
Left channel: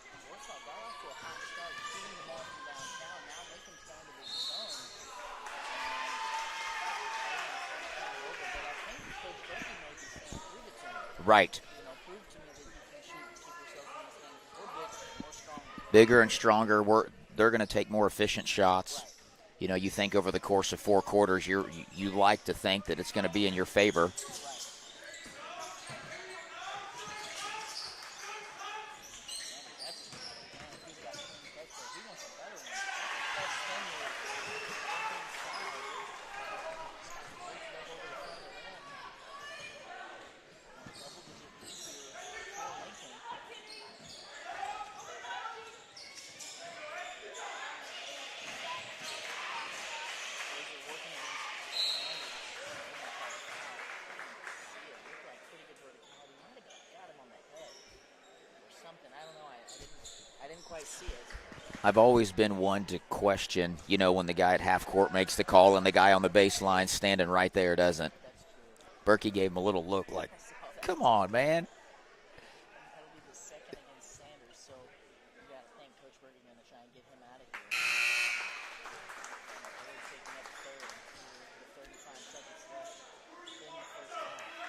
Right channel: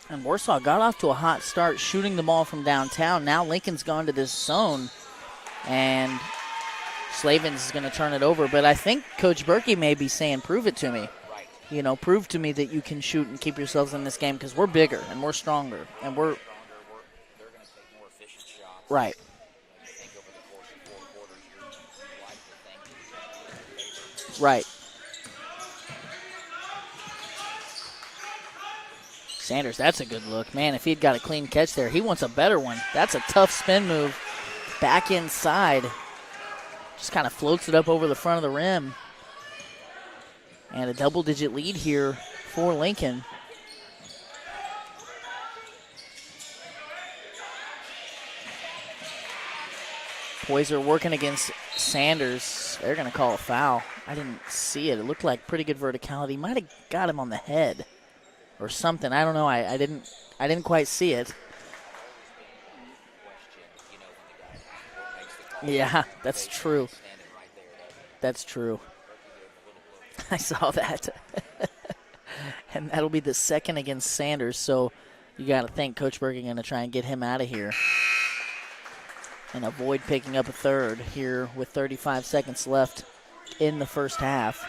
And Warsaw got off to a hot start shooting the ball from downtown. Now Lincoln's gone to this zone and Slavens is going to turn it over, but I think Coach Berkey may be saying, prove it to me. Right. Prove to me that you can shoot and keep yourselves in this game because we're bigger and we're stronger. Bigger and stronger. They're going to take more efficient shots. Right. You think over the course of 4 quarters, you like to think that it's going to be in your favor. Right. Sanders, that's a good look. Man, if he'd got a clean catch there, he wants a better one. That's a tough spin move. Back inside. Just kind of floats it up over the front of the rim. And a double-digit lead here for Lincoln. Poyser working against Sanders. They're going to call a foul. I didn't see it. It looked like pretty good verticality. Might have got him on the head or something. I don't know. I didn't quite see it. I've always been one to question, when the guy at half court makes the call and the guy on the baseline standing right there doesn't. That's true. Berkey gave him a little look like, I saw that. Come on, man. And that'll be the second against Sanders, so you got to think Coach Berkey going to try and get him out of here and avoid picking up a third here with 35 seconds left in the first half.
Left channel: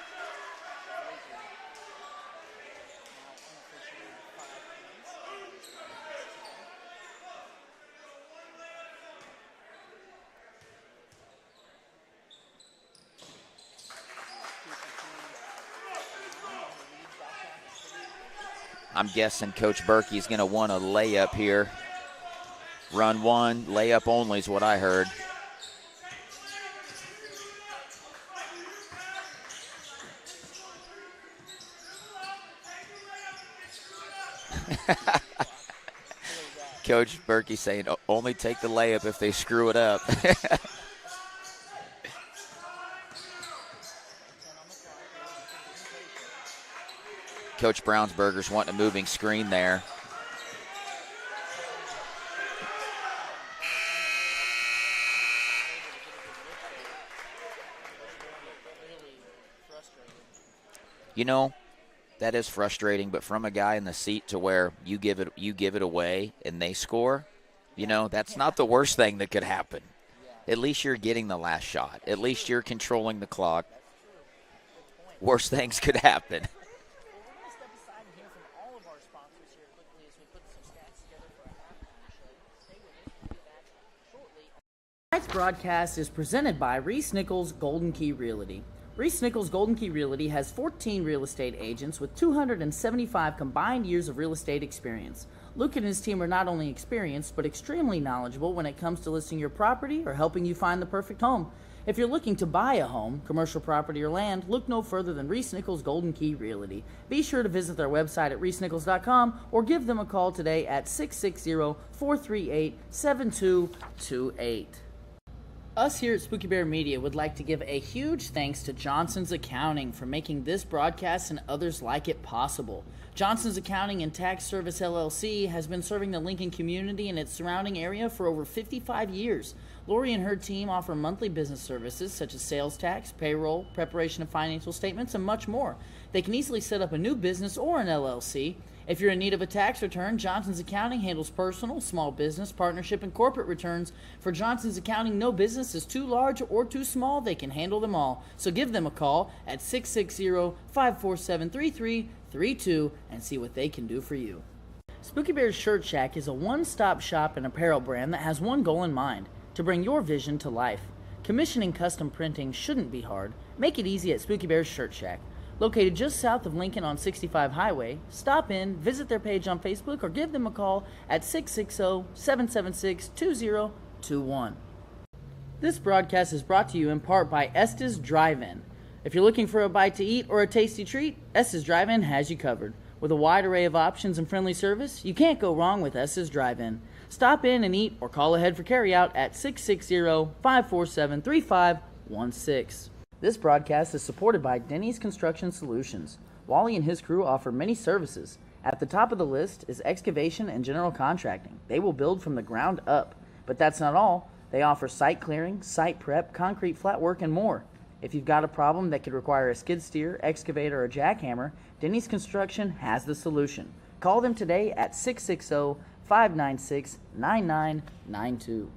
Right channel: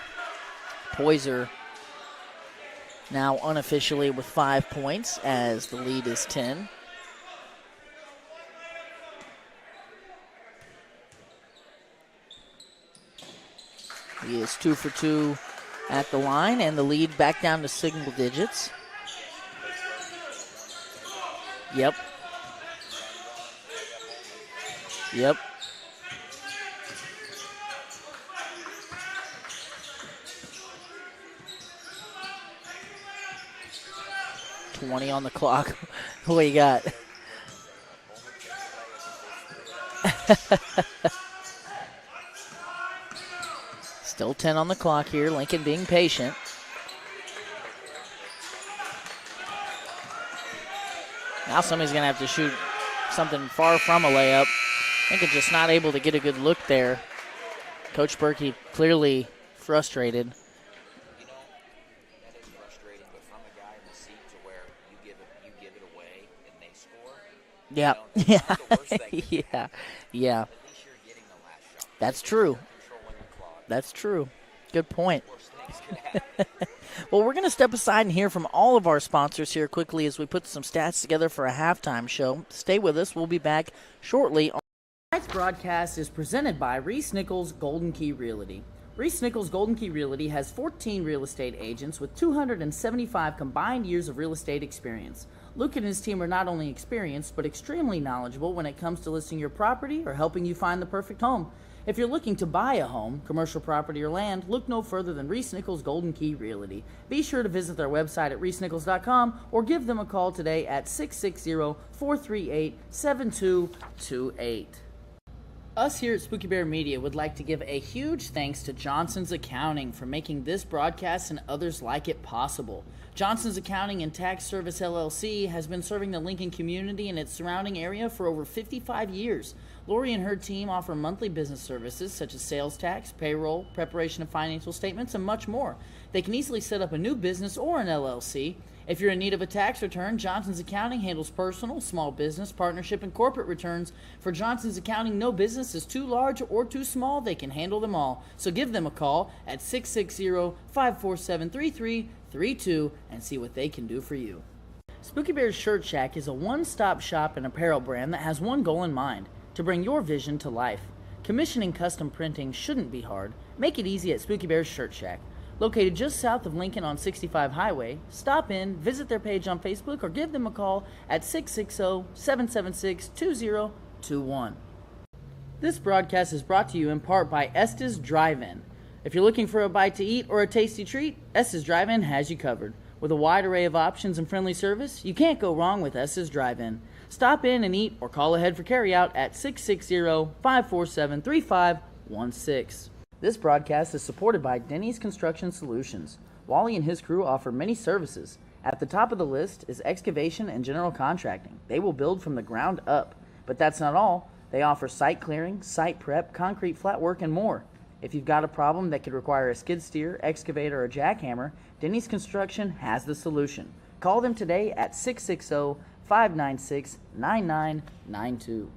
Poyser now unofficially with 5 points as the lead is 10. He is 2 for 2 at the line, and the lead back down to single digits. I'm guessing Coach Berkey's going to want a layup here. Yep. Run one, layup only is what I heard. Yep. $20 on the clock. What you got? Coach Berkey saying only take the layup if they screw it up. Still 10 on the clock here. Lincoln being patient. Coach Brownsberger's wanting a moving screen there. Now somebody's going to have to shoot something far from a layup. Lincoln just not able to get a good look there. Coach Berkey clearly frustrated. That is frustrating, but from a guy in the seat to where you give it away and they score, that's not the worst thing that could happen. Yeah. At least you're getting the last shot. That's At least true. you're controlling the clock. That's true. Good point. Worse things could happen. Well, we're going to step aside and hear from all of our sponsors here quickly as we put some stats together for a halftime show. Stay with us. We'll be back shortly. Tonight's broadcast is presented by Reese Nichols Golden Key Realty. Reese Nichols Golden Key Realty has 14 real estate agents with 275 combined years of real estate experience. Luke and his team are not only experienced, but extremely knowledgeable when it comes to listing your property or helping you find the perfect home. If you're looking to buy a home, commercial property, or land, look no further than Reese Nichols Golden Key Realty. Be sure to visit their website at reesenichols.com or give them a call today at 660-438-7228. Us here at Spooky Bear Media would like to give a huge thanks to Johnson's Accounting for making this broadcast and others like it possible. Johnson's Accounting and Tax Service LLC has been serving the Lincoln community and its surrounding area for over 55 years. Lori and her team offer monthly business services such as sales tax, payroll, preparation of financial statements, and much more. They can easily set up a new business or an LLC. If you're in need of a tax return, Johnson's Accounting handles personal, small business, partnership, and corporate returns. For Johnson's Accounting, no business is too large or too small. They can handle them all. So give them a call at 660-547-3332 and see what they can do for you. Spooky Bear's Shirt Shack is a one-stop shop and apparel brand that has one goal in mind: to bring your vision to life. Commissioning custom printing shouldn't be hard. Make it easy at Spooky Bear's Shirt Shack. Located just south of Lincoln on 65 Highway, stop in, visit their page on Facebook, or give them a call at 660-776-2021. This broadcast is brought to you in part by Estes Drive-In. If you're looking for a bite to eat or a tasty treat, Estes Drive-In has you covered. With a wide array of options and friendly service, you can't go wrong with Estes Drive-In. Stop in and eat or call ahead for carryout at 660-547-3516. This broadcast is supported by Denny's Construction Solutions. Wally and his crew offer many services. At the top of the list is excavation and general contracting. They will build from the ground up. But that's not all. They offer site clearing, site prep, concrete flat work, and more. If you've got a problem that could require a skid steer, excavator, or jackhammer, Denny's Construction has the solution. Call them today at 660-596-9992.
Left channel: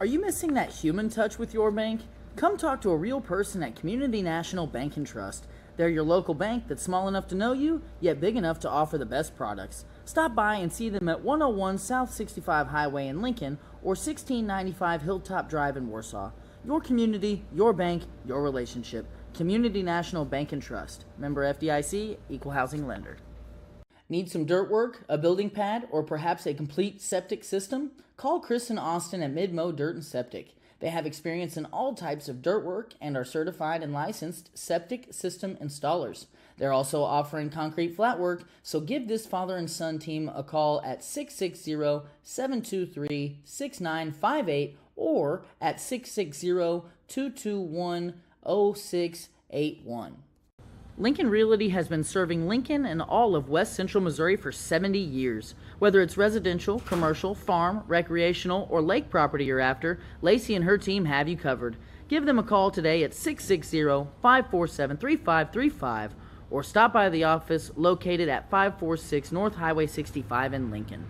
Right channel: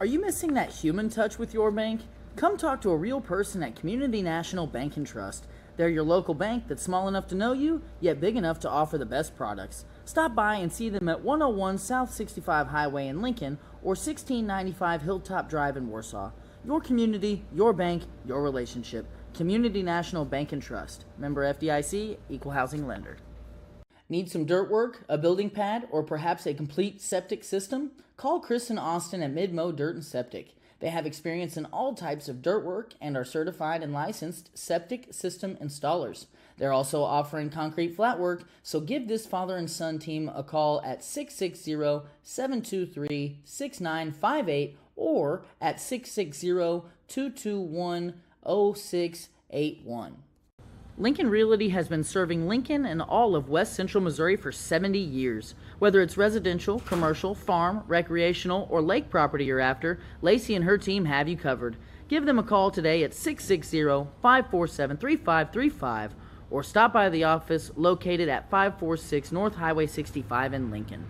Are you missing that human touch with your bank? Come talk to a real person at Community National Bank and Trust. They're your local bank that's small enough to know you, yet big enough to offer the best products. Stop by and see them at 101 South 65 Highway in Lincoln or 1695 Hilltop Drive in Warsaw. Your community, your bank, your relationship. Community National Bank and Trust. Member FDIC, Equal Housing Lender. Need some dirt work, a building pad, or perhaps a complete septic system? Call Chris and Austin at Midmo Dirt and Septic. They have experience in all types of dirt work and are certified and licensed septic system installers. They're also offering concrete flat work, so give this father and son team a call at 660-723-6958 or at 660-221-0681. Lincoln Realty has been serving Lincoln and all of West Central Missouri for 70 years. Whether it's residential, commercial, farm, recreational, or lake property you're after, Lacey and her team have you covered. Give them a call today at 660-547-3535 or stop by the office located at 546 North Highway 65 in Lincoln.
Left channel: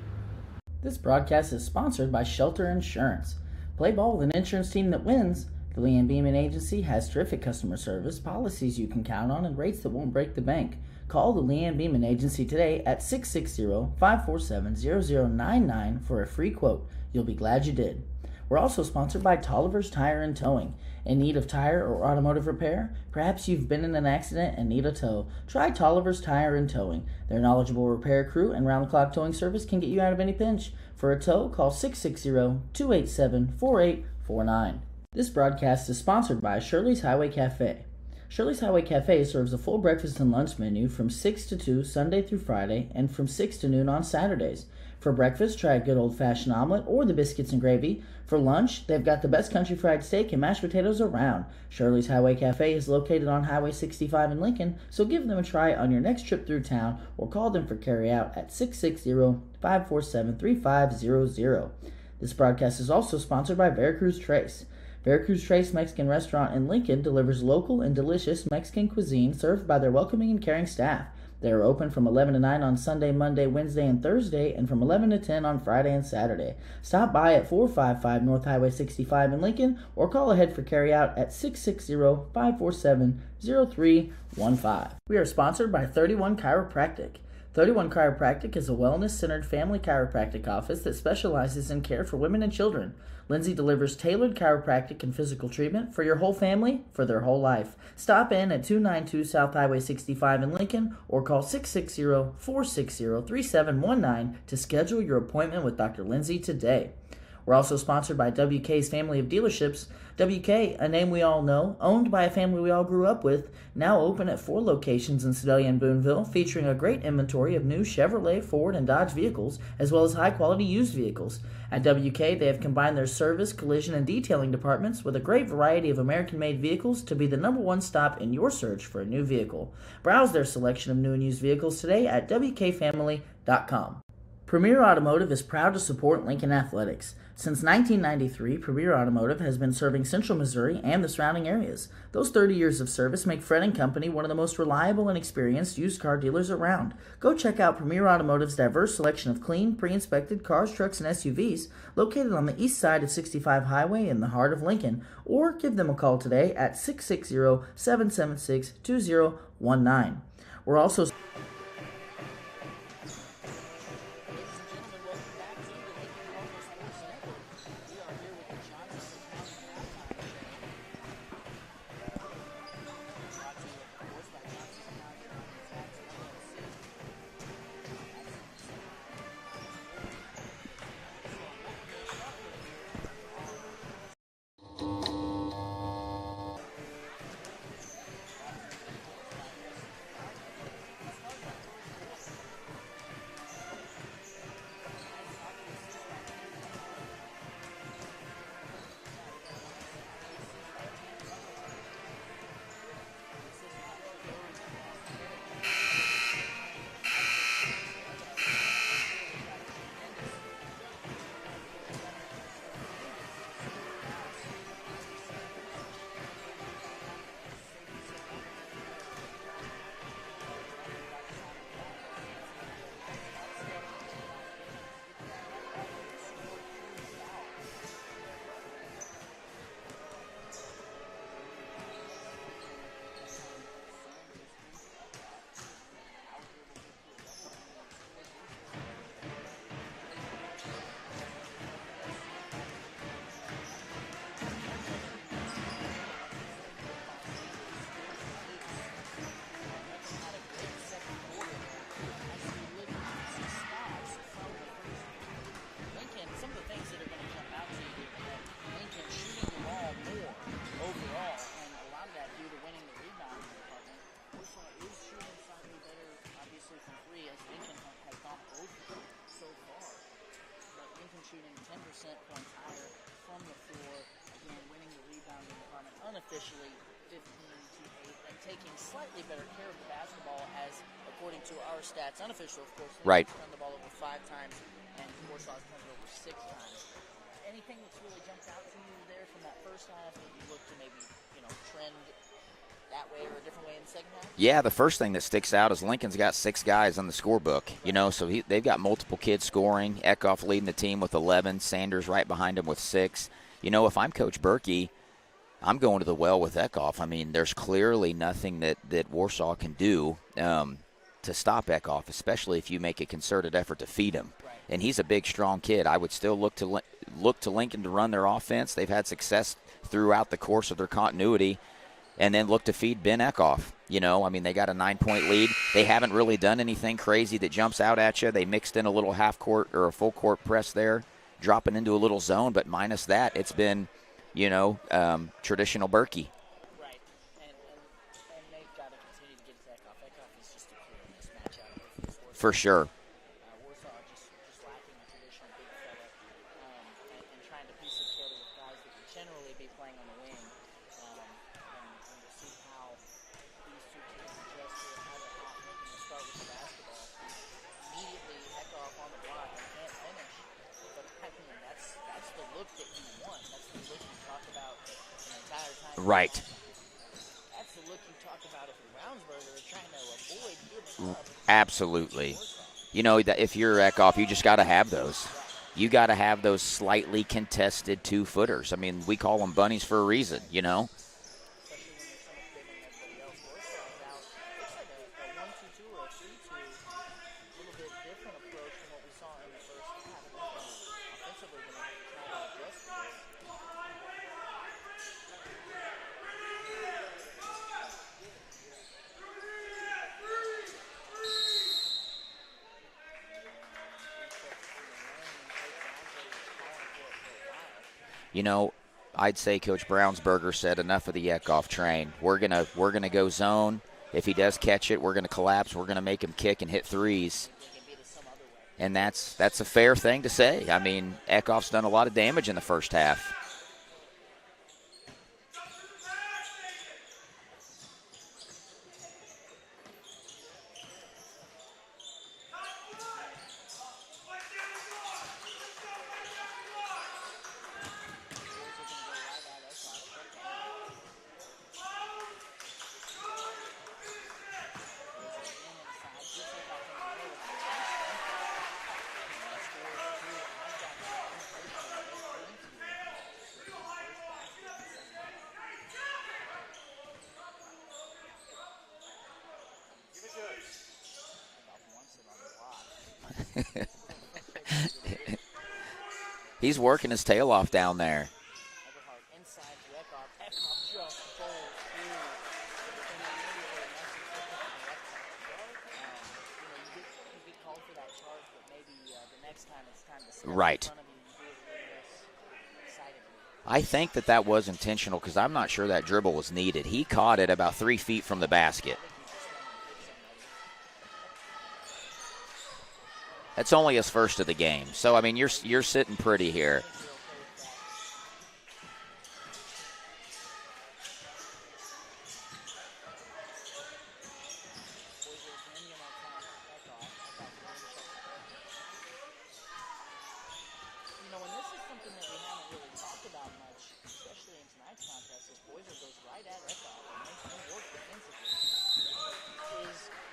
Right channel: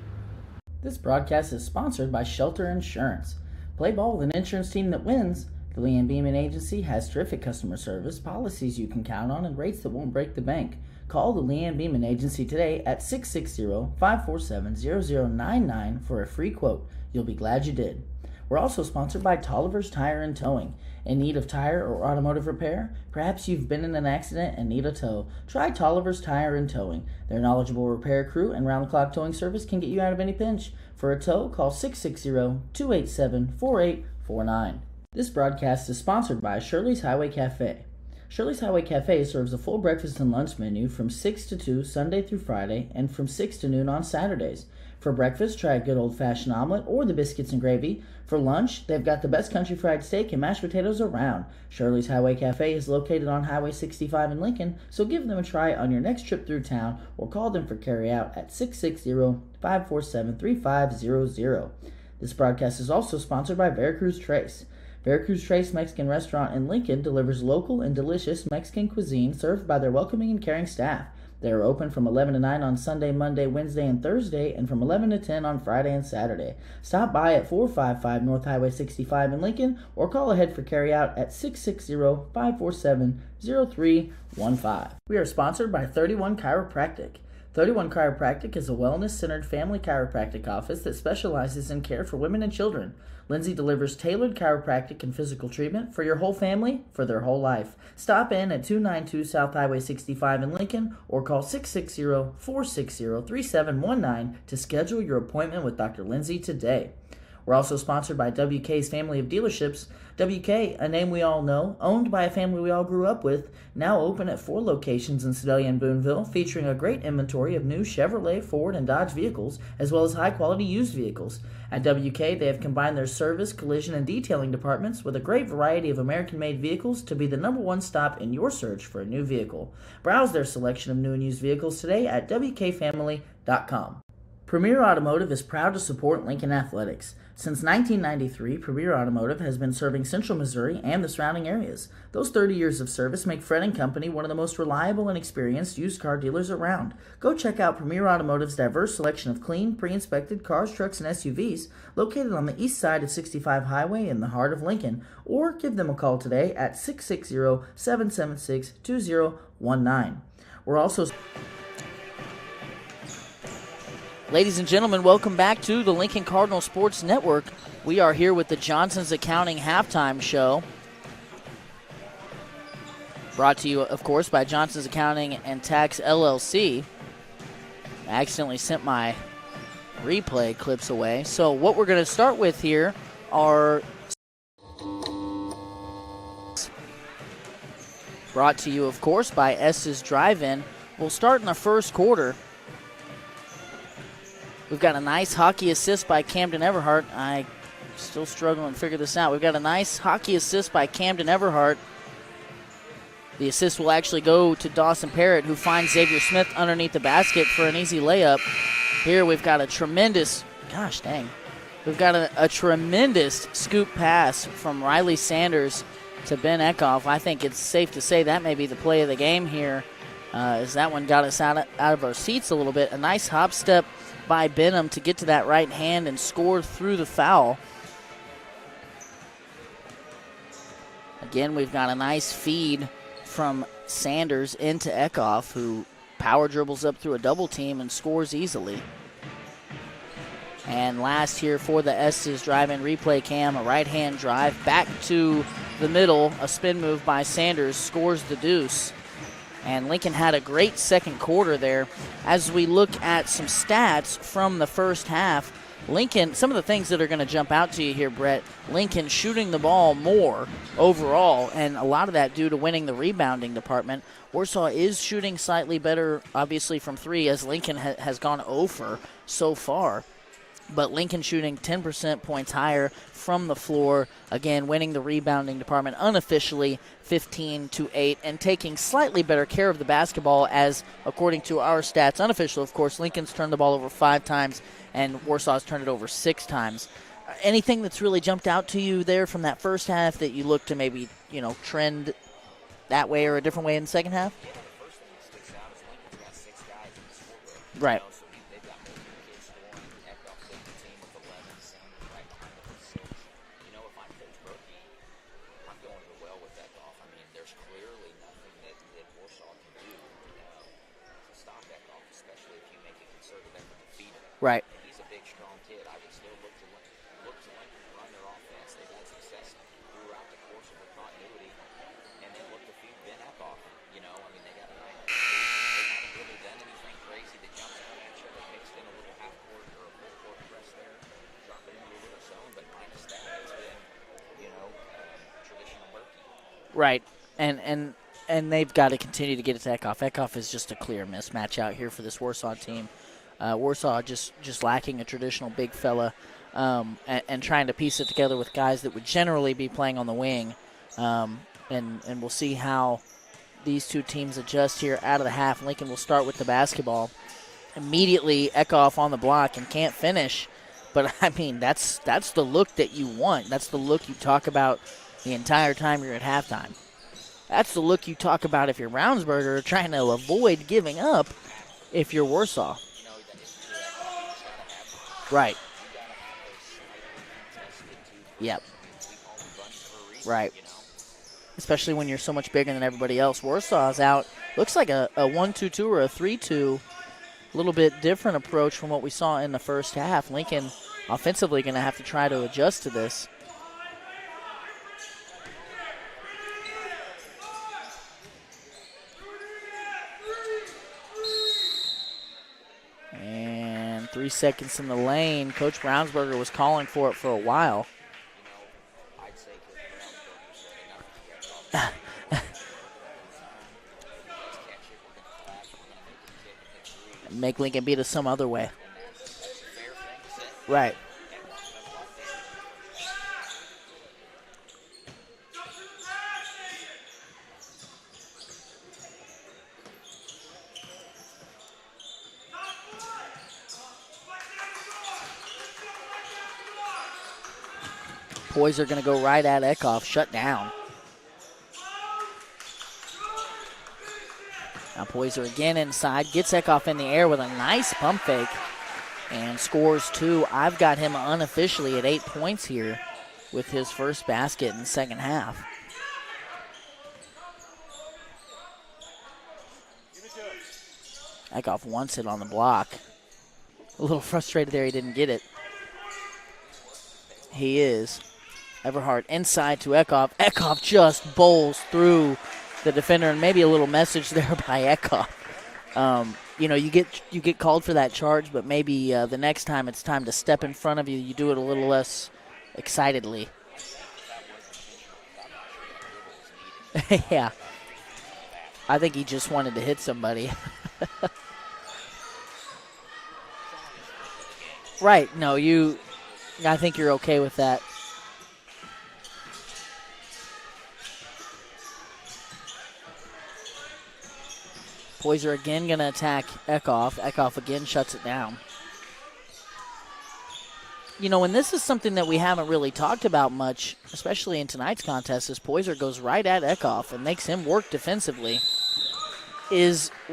This broadcast is sponsored by Shelter Insurance. Play ball with an insurance team that wins. The Lee and Beeman Agency has terrific customer service, policies you can count on, and rates that won't break the bank. Call the Lee and Beeman Agency today at 660-547-0099 for a free quote. You'll be glad you did. We're also sponsored by Tolliver's Tire and Towing. In need of tire or automotive repair? Perhaps you've been in an accident and need a tow. Try Tolliver's Tire and Towing. Their knowledgeable repair crew and round-the-clock towing service can get you out of any pinch. For a tow, call 660-287-4849. This broadcast is sponsored by Shirley's Highway Cafe. Shirley's Highway Cafe serves a full breakfast and lunch menu from 6 to 2 Sunday through Friday and from 6 to noon on Saturdays. For breakfast, try a good old-fashioned omelet or the biscuits and gravy. For lunch, they've got the best country fried steak and mashed potatoes around. Shirley's Highway Cafe is located on Highway 65 in Lincoln, so give them a try on your next trip through town or call them for carry-out at 660-547-3500. This broadcast is also sponsored by Veracruz Trace. Veracruz Trace Mexican Restaurant in Lincoln delivers local and delicious Mexican cuisine served by their welcoming and caring staff. They are open from 11 to 9 on Sunday, Monday, Wednesday, and Thursday, and from 11 to 10 on Friday and Saturday. Stop by at 455 North Highway 65 in Lincoln or call ahead for carryout at 660-547-0315. We are sponsored by 31 Chiropractic. 31 Chiropractic is a wellness-centered family chiropractic office that specializes in care for women and children. Lindsay delivers tailored chiropractic and physical treatment for your whole family for their whole life. Stop in at 292 South Highway 65 in Lincoln or call 660-460-3719 to schedule your appointment with Dr. Lindsay today. We're also sponsored by WK's family of dealerships. WK, a name we all know, owned by a family we all grew up with, now open at 4 locations in Sedalia and Boonville, featuring a great inventory of new Chevrolet, Ford, and Dodge vehicles, as well as high-quality used vehicles. At WK, they have combined their service, collision, and detailing departments with a great variety of American-made vehicles to be the #1 stop in your search for a new vehicle. Browse their selection of new and used vehicles today at WKFamily.com. Premier Automotive is proud to support Lincoln Athletics. Since 1993, Premier Automotive has been serving Central Missouri and the surrounding areas. Those 30 years of service make Fred & Company one of the most reliable and experienced used car dealers around. Go check out Premier Automotive's diverse selection of clean, pre-inspected cars, trucks, and SUVs located on the east side of 65 Highway in the heart of Lincoln, or give them a call today at 660-776-2019. We're also... Ladies and gentlemen, welcome back to the Lincoln Cardinal Sports Network. We are here with the Johnson's Accounting Halftime Show. Brought to you, of course, by Johnson's Accounting and Tax LLC. I accidentally sent my replay clips away. So what we're going to start with here are brought to you, of course, by S's Drive-In. We'll start in the first quarter. We've got a nice hockey assist by Camden Everhart. I still struggling to figure this out. We've got a nice hockey assist by Camden Everhart. The assist will actually go to Dawson Parrott, who finds Xavier Smith underneath the basket for an easy layup. Here we've got a tremendous, we've got a tremendous scoop pass from Riley Sanders to Ben Eckhoff. I think it's safe to say that may be the play of the game here, as that one got us out of our seats a little bit. A nice hop step by Benham to get to that right hand and score through the foul. Again, we've got a nice feed from Sanders into Eckhoff, who power dribbles up through a double team and scores easily. And last here for the S's drive-in replay cam, a right-hand drive back to the middle, a spin move by Sanders, scores the deuce. And Lincoln had a great second quarter there. As we look at some stats from the first half, Lincoln, some of the things that are going to jump out to you here, Brett, Lincoln shooting the ball more overall, and a lot of that due to winning the rebounding department. Warsaw is shooting slightly better, obviously, from three, as Lincoln has gone over so far. But Lincoln shooting 10% points higher from the floor, again, winning the rebounding department unofficially 15-8, and taking slightly better care of the basketball as, according to our stats, unofficial, of course, Lincoln's turned the ball over 5 times, and Warsaw's turned it over 6 times. Anything that's really jumped out to you there from that first half that you look to maybe, trend that way or a different way in the second half? Yeah, the first thing that sticks out is Lincoln's got 6 guys on the scorebook. Right. So they've got multiple kids scoring. Eckhoff leading the team with 11, Sanders right behind him with 6. If I'm Coach Berkey, I'm going to the well with Eckhoff. I mean, there's clearly nothing that Warsaw can do to stop Eckhoff, especially if you make a concerted effort to feed him. Right. And he's a big, strong kid. I would still look to Lincoln to run their offense. They've had success throughout the course of their continuity. And then look to feed Ben Eckhoff. They got a 9-point lead. They haven't really done anything crazy that jumps out at you. They mixed in a little half-court or a full-court press there, dropping into a little zone. But minus that, it's been, traditional Berkey. Right. And they've got to continue to get it to Eckhoff. Eckhoff is just a clear mismatch out here for this Warsaw For sure. team. Warsaw just lacking a traditional big fella and trying to piece it together with guys that would generally be playing on the wing. And we'll see how these two teams adjust here out of the half. Lincoln will start with the basketball. Immediately, Eckhoff on the block and can't finish. But, that's the look that you want. That's the look you talk about the entire time you're at halftime. That's the look you talk about if you're Brownsburger, trying to avoid giving up. Absolutely. If you're Warsaw. If you're Eckhoff, you just got to have those. Right. You got to have those slightly contested 2-footers. Yep. We call them bunnies for a reason, Right. Especially when you're so much bigger than everybody else. Warsaw's out. Looks like a 1-2-2 or a 3-2. A little bit different approach from what we saw in the first half. Lincoln offensively going to have to try to adjust to this. And 3 seconds in the lane. Coach Brownsburger was calling for it for a while. I'd say Coach Brownsburger said enough of the Eckhoff train. We're gonna go zone. If he does catch it, we're gonna collapse. We're gonna make him kick and hit threes. Make Lincoln beat us some other way. And that's a fair thing to say. Right. Eckhoff's done a lot of damage in the first half. Boys are going to go right at Eckhoff, shut down. Now Poyser again inside, gets Eckhoff in the air with a nice pump fake and scores 2. I've got him unofficially at 8 points here with his first basket in the second half. Eckhoff wants it on the block. A little frustrated there he didn't get it. He's working his tail off down there. Everhart inside to Eckhoff. Eckhoff just bowls through the defender, and maybe a little message there by Eckhoff. You get called for that charge, but maybe the next time it's time to step in front of you, you do it a little less excitedly. I think that was intentional because I'm not sure that dribble was needed. He caught it about 3 feet from the basket. I think he just wanted to hit somebody. That's only his first of the game. So, right. You're sitting pretty here. I think you're okay with that. Poyser again going to attack Eckhoff. Eckhoff again shuts it down. And this is something that we haven't really talked about much, especially in tonight's contest, is Poyser goes right at Eckhoff and makes him work defensively.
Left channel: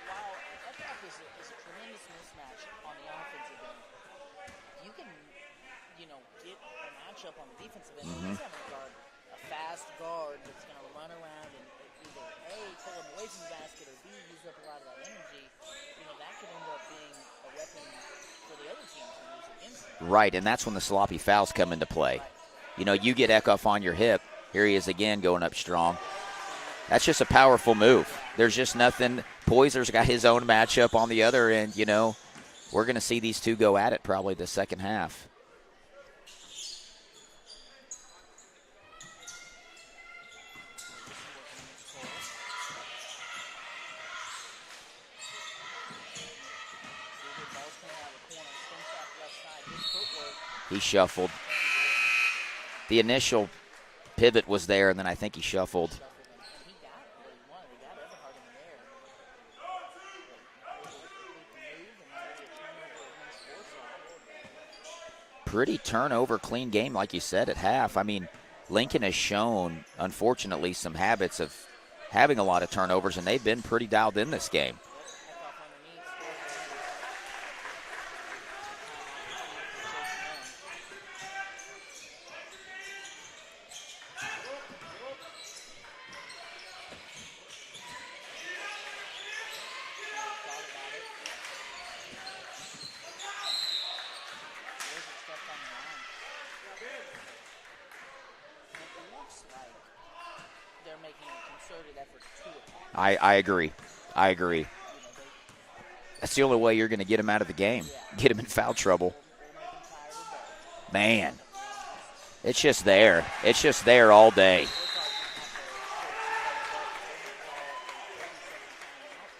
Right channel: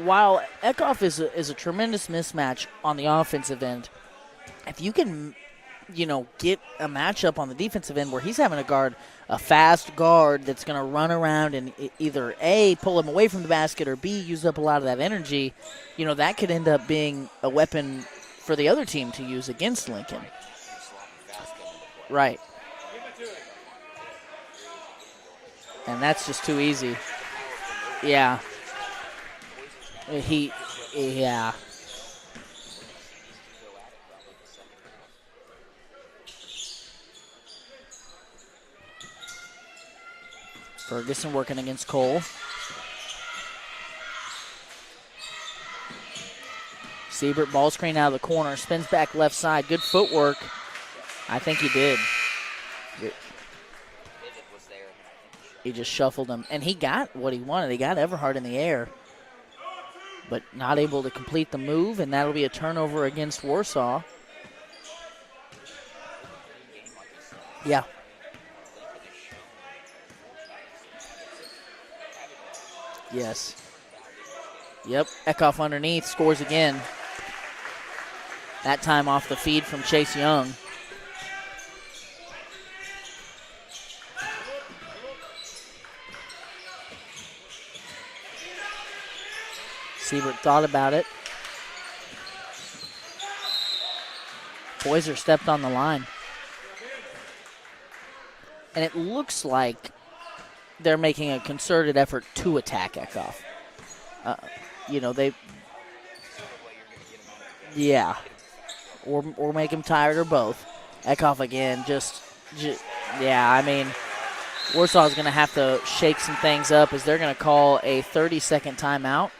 While Eckhoff is a tremendous mismatch on the offensive end, if you can get a matchup on the defensive end where he's having to guard a fast guard that's going to run around and either A, pull him away from the basket, or B, use up a lot of that energy, that could end up being a weapon for the other team to use against Lincoln. Right, and that's when the sloppy fouls come into play. Right. You get Eckhoff on your hip. Here he is again going up strong. And that's just too easy. That's just a powerful move. Yeah. There's just nothing. Poyser's got his own matchup on the other end. We're going to see these two go at it probably the second half. Ferguson working against Cole. Siebert, ball screen out of the corner, spins back left side. Good footwork. He shuffled. I think he did. The initial pivot was there, and then I think he shuffled. He just shuffled him, and he got what he wanted. He got Everhart in the air, but not able to complete the move, and that'll be a turnover against Warsaw. Pretty turnover clean game, like you said, at half. Yeah. I mean, Lincoln has shown, unfortunately, some habits of having a lot of turnovers, and they've been pretty dialed in this game. Yep, Eckhoff underneath, scores again. That time off the feed from Chase Young. Siebert thought about it. Poyser stepped on the line. And it looks like they're making a concerted effort to attack it. I agree. I agree. That's the only way you're going to get him out of the game. Yeah. Get him in foul trouble. Or make him tired, or both. Man. Eckhoff again, It's just there. Yeah, it's just there all day. Warsaw's going to have to shake some things up as they're going to call a 30-second timeout.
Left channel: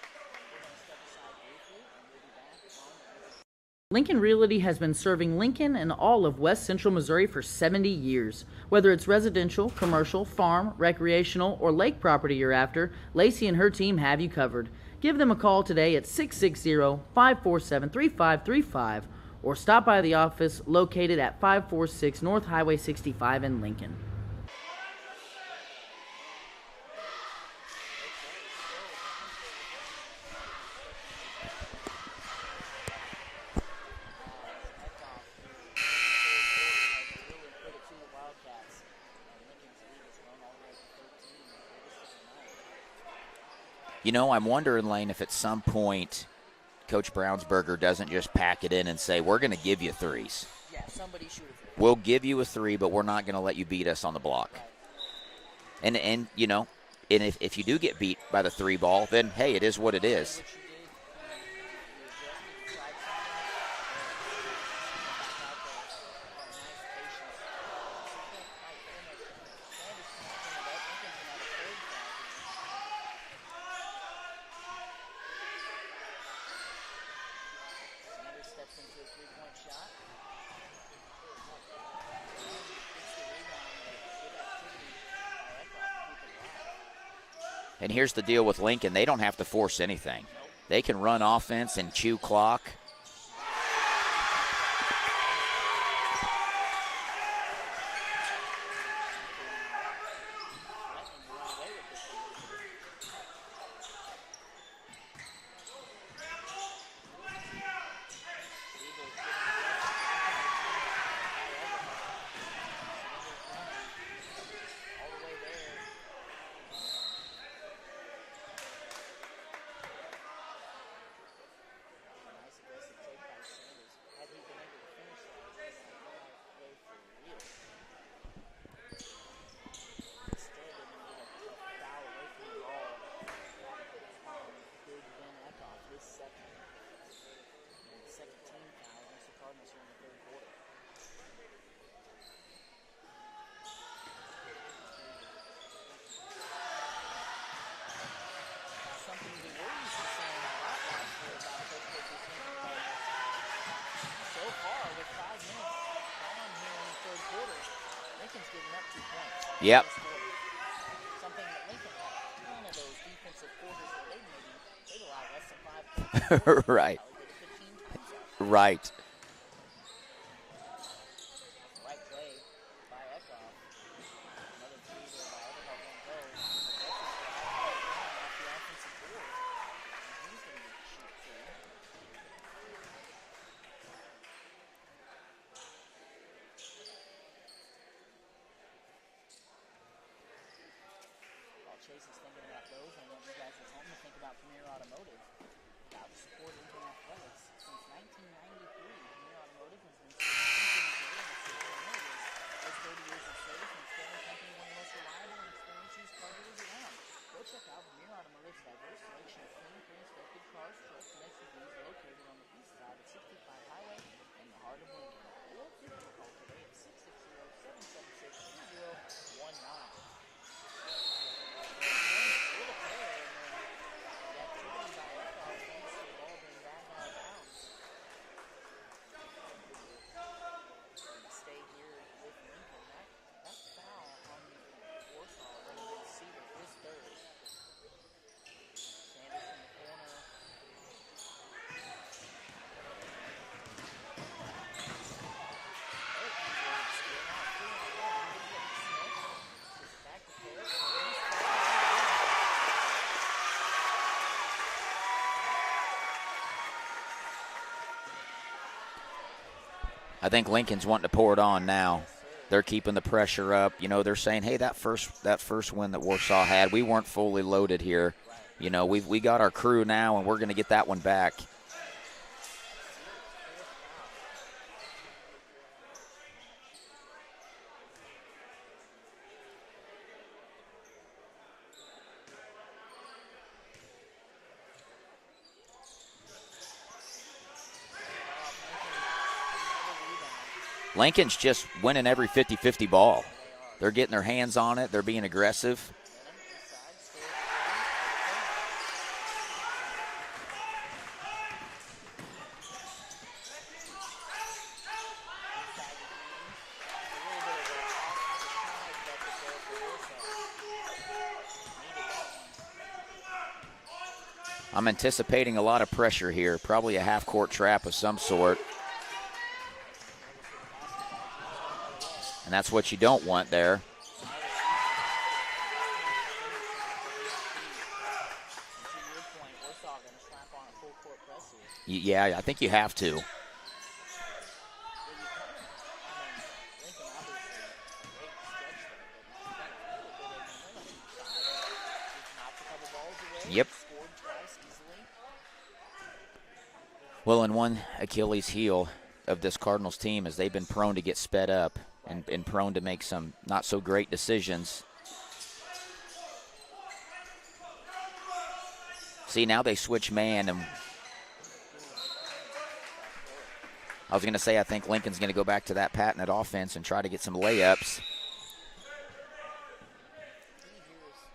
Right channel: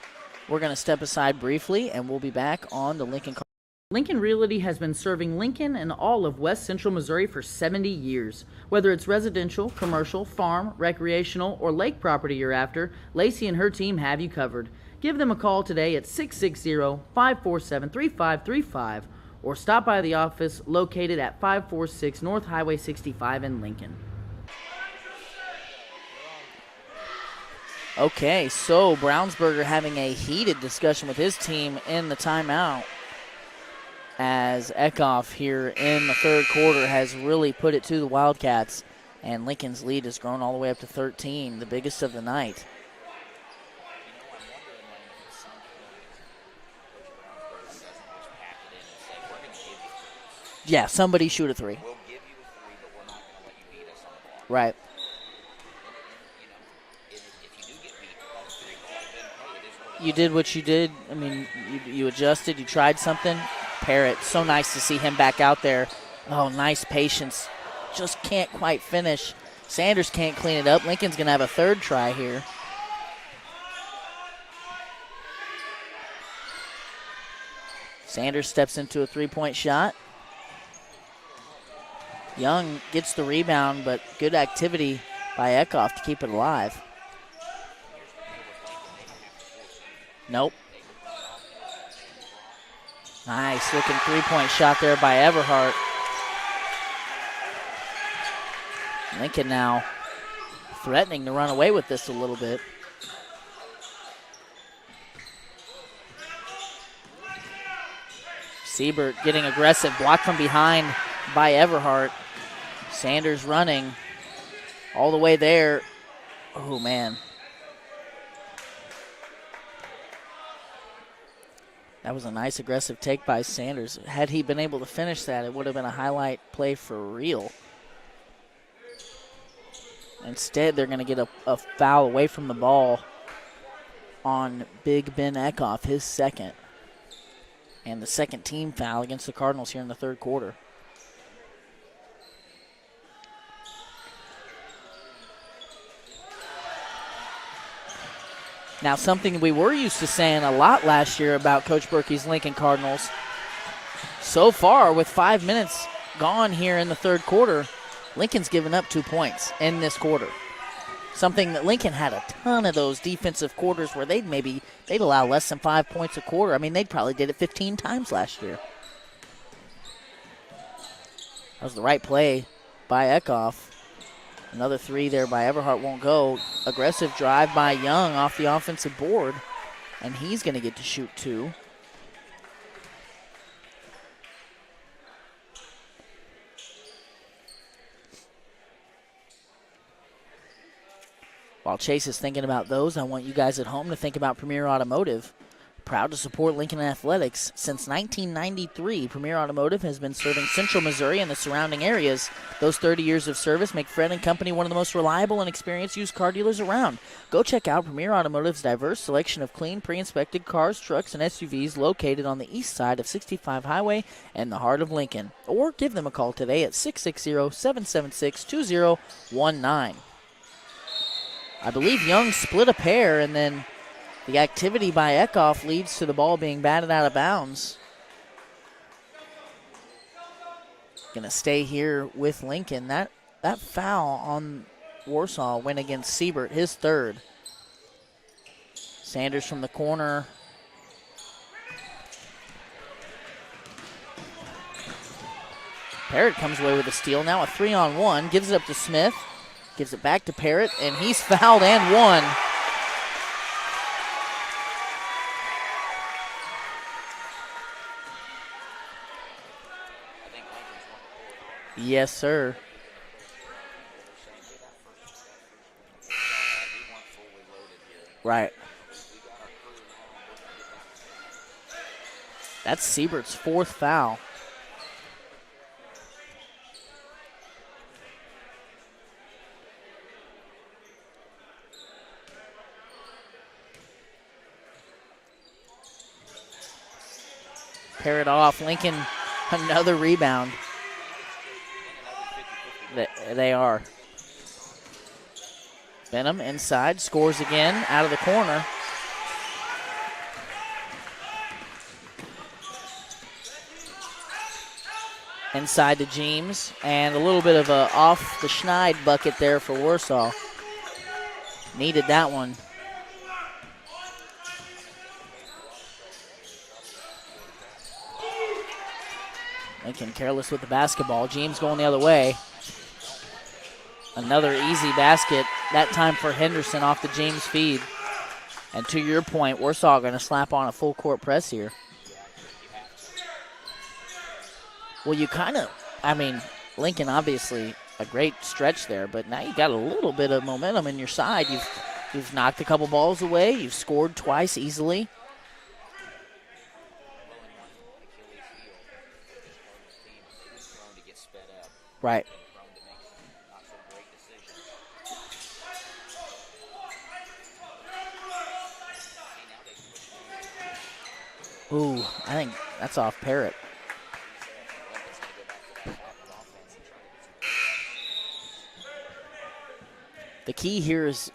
We're going to step aside briefly, and we'll be back on the Lincoln Cardinals. Lincoln Realty has been serving Lincoln and all of West Central Missouri for 70 years. Whether it's residential, commercial, farm, recreational, or lake property you're after, Lacey and her team have you covered. Give them a call today at 660-547-3535 or stop by the office located at 546 North Highway 65 in Lincoln. Okay, so Brownsburger having a heated discussion with his team in the timeout, as Eckhoff here in the third quarter has really put it to the Wildcats, and Lincoln's lead has grown all the way up to 13, the biggest of the night. I'm wondering, Lane, if at some point Coach Brownsburger doesn't just pack it in and say, we're going to give you threes. Yeah, somebody shoot a three. We'll give you a three, but we're not going to let you beat us on the block. Right. And if you do get beat by the three ball, then, hey, it is what it is. You did what you did. I mean, you adjusted. You tried something. Parrott, so nice to see him back out there. Oh, nice patience. Just can't quite finish. Sanders can't clean it up. Lincoln's going to have a third try here. Sanders steps into a three-point shot. Young gets the rebound, but good activity by Eckhoff to keep it alive. And here's the deal with Lincoln. They don't have to force anything. Nope. They can run offense and chew clock. Nice looking three-point shot there by Everhart. Lincoln now threatening to run away with this a little bit. Siebert getting aggressive, blocked from behind by Everhart. Sanders running all the way there. Oh, man. That was a nice aggressive take by Sanders. Had he been able to finish that, it would have been a highlight play for real. Instead, they're going to get a foul away from the ball on Big Ben Eckhoff, his second. And the second team foul against the Cardinals here in the third quarter. Now, something we were used to saying a lot last year about Coach Berkey's Lincoln Cardinals. So far, with 5 minutes gone here in the third quarter, Lincoln's given up 2 points in this quarter. Something that Lincoln had a ton of those defensive quarters where they'd allow less than 5 points a quarter. I mean, Right. they probably did it 15 times last year. Right. That was the right play by Eckhoff. Another three there by Everhart won't go. Aggressive drive by Young off the offensive board, and he's going to get to shoot two. While Chase is thinking about those, I want you guys at home to think about Premier Automotive. Proud to support Lincoln Athletics. Since 1993, Premier Automotive has been serving Central Missouri and the surrounding areas. Those 30 years of service make Fred & Company one of the most reliable and experienced used car dealers around. Go check out Premier Automotive's diverse selection of clean, pre-inspected cars, trucks, and SUVs located on the east side of 65 Highway and the heart of Lincoln. Or give them a call today at 660-776-2019. I believe Young split a pair, and then the activity by Eckhoff leads to the ball being batted out of bounds. Going to stay here with Lincoln. That foul on Warsaw went against Siebert, his third. Sanders from the corner. Parrott comes away with a steal. Now a 3-on-1. Gives it up to Smith. Gives it back to Parrott, and he's fouled and one. I think Lincoln's wanting to pour it on now. Yes, sir. They're keeping the pressure up. You know, they're saying, hey, that first win that Warsaw had, we weren't fully loaded here. Right. You know, we got our crew now, and we're going to get that one back. That's Siebert's fourth foul. Parrott off. Lincoln, another rebound. Lincoln's just winning every 50-50 ball. They are. They're getting their hands on it. They're being aggressive. Benham inside, scores again, out of the corner. Inside to James, and a little bit of a off the Schneid bucket there for Warsaw. Needed that one. I'm anticipating a lot of pressure here, probably a half-court trap of some sort. Lincoln careless with the basketball. James going the other way. And that's what you don't want there. Another easy basket, that time for Henderson off the James feed. And to your point, Warsaw going to slap on a full court press here. Yeah, I think you have to. Well, you kind of, Lincoln obviously a great stretch there, but now you got a little bit of momentum in your side. You've knocked a couple balls away. Yep. You've scored twice easily. Well, and one Achilles heel of this Cardinals team is they've been prone to get sped up. Right. And prone to make some not so great decisions. See, now they switch man. And ooh, I think that's off Parrott. I was going to say I think Lincoln's going to go back to that patented offense and try to get some layups. The key here is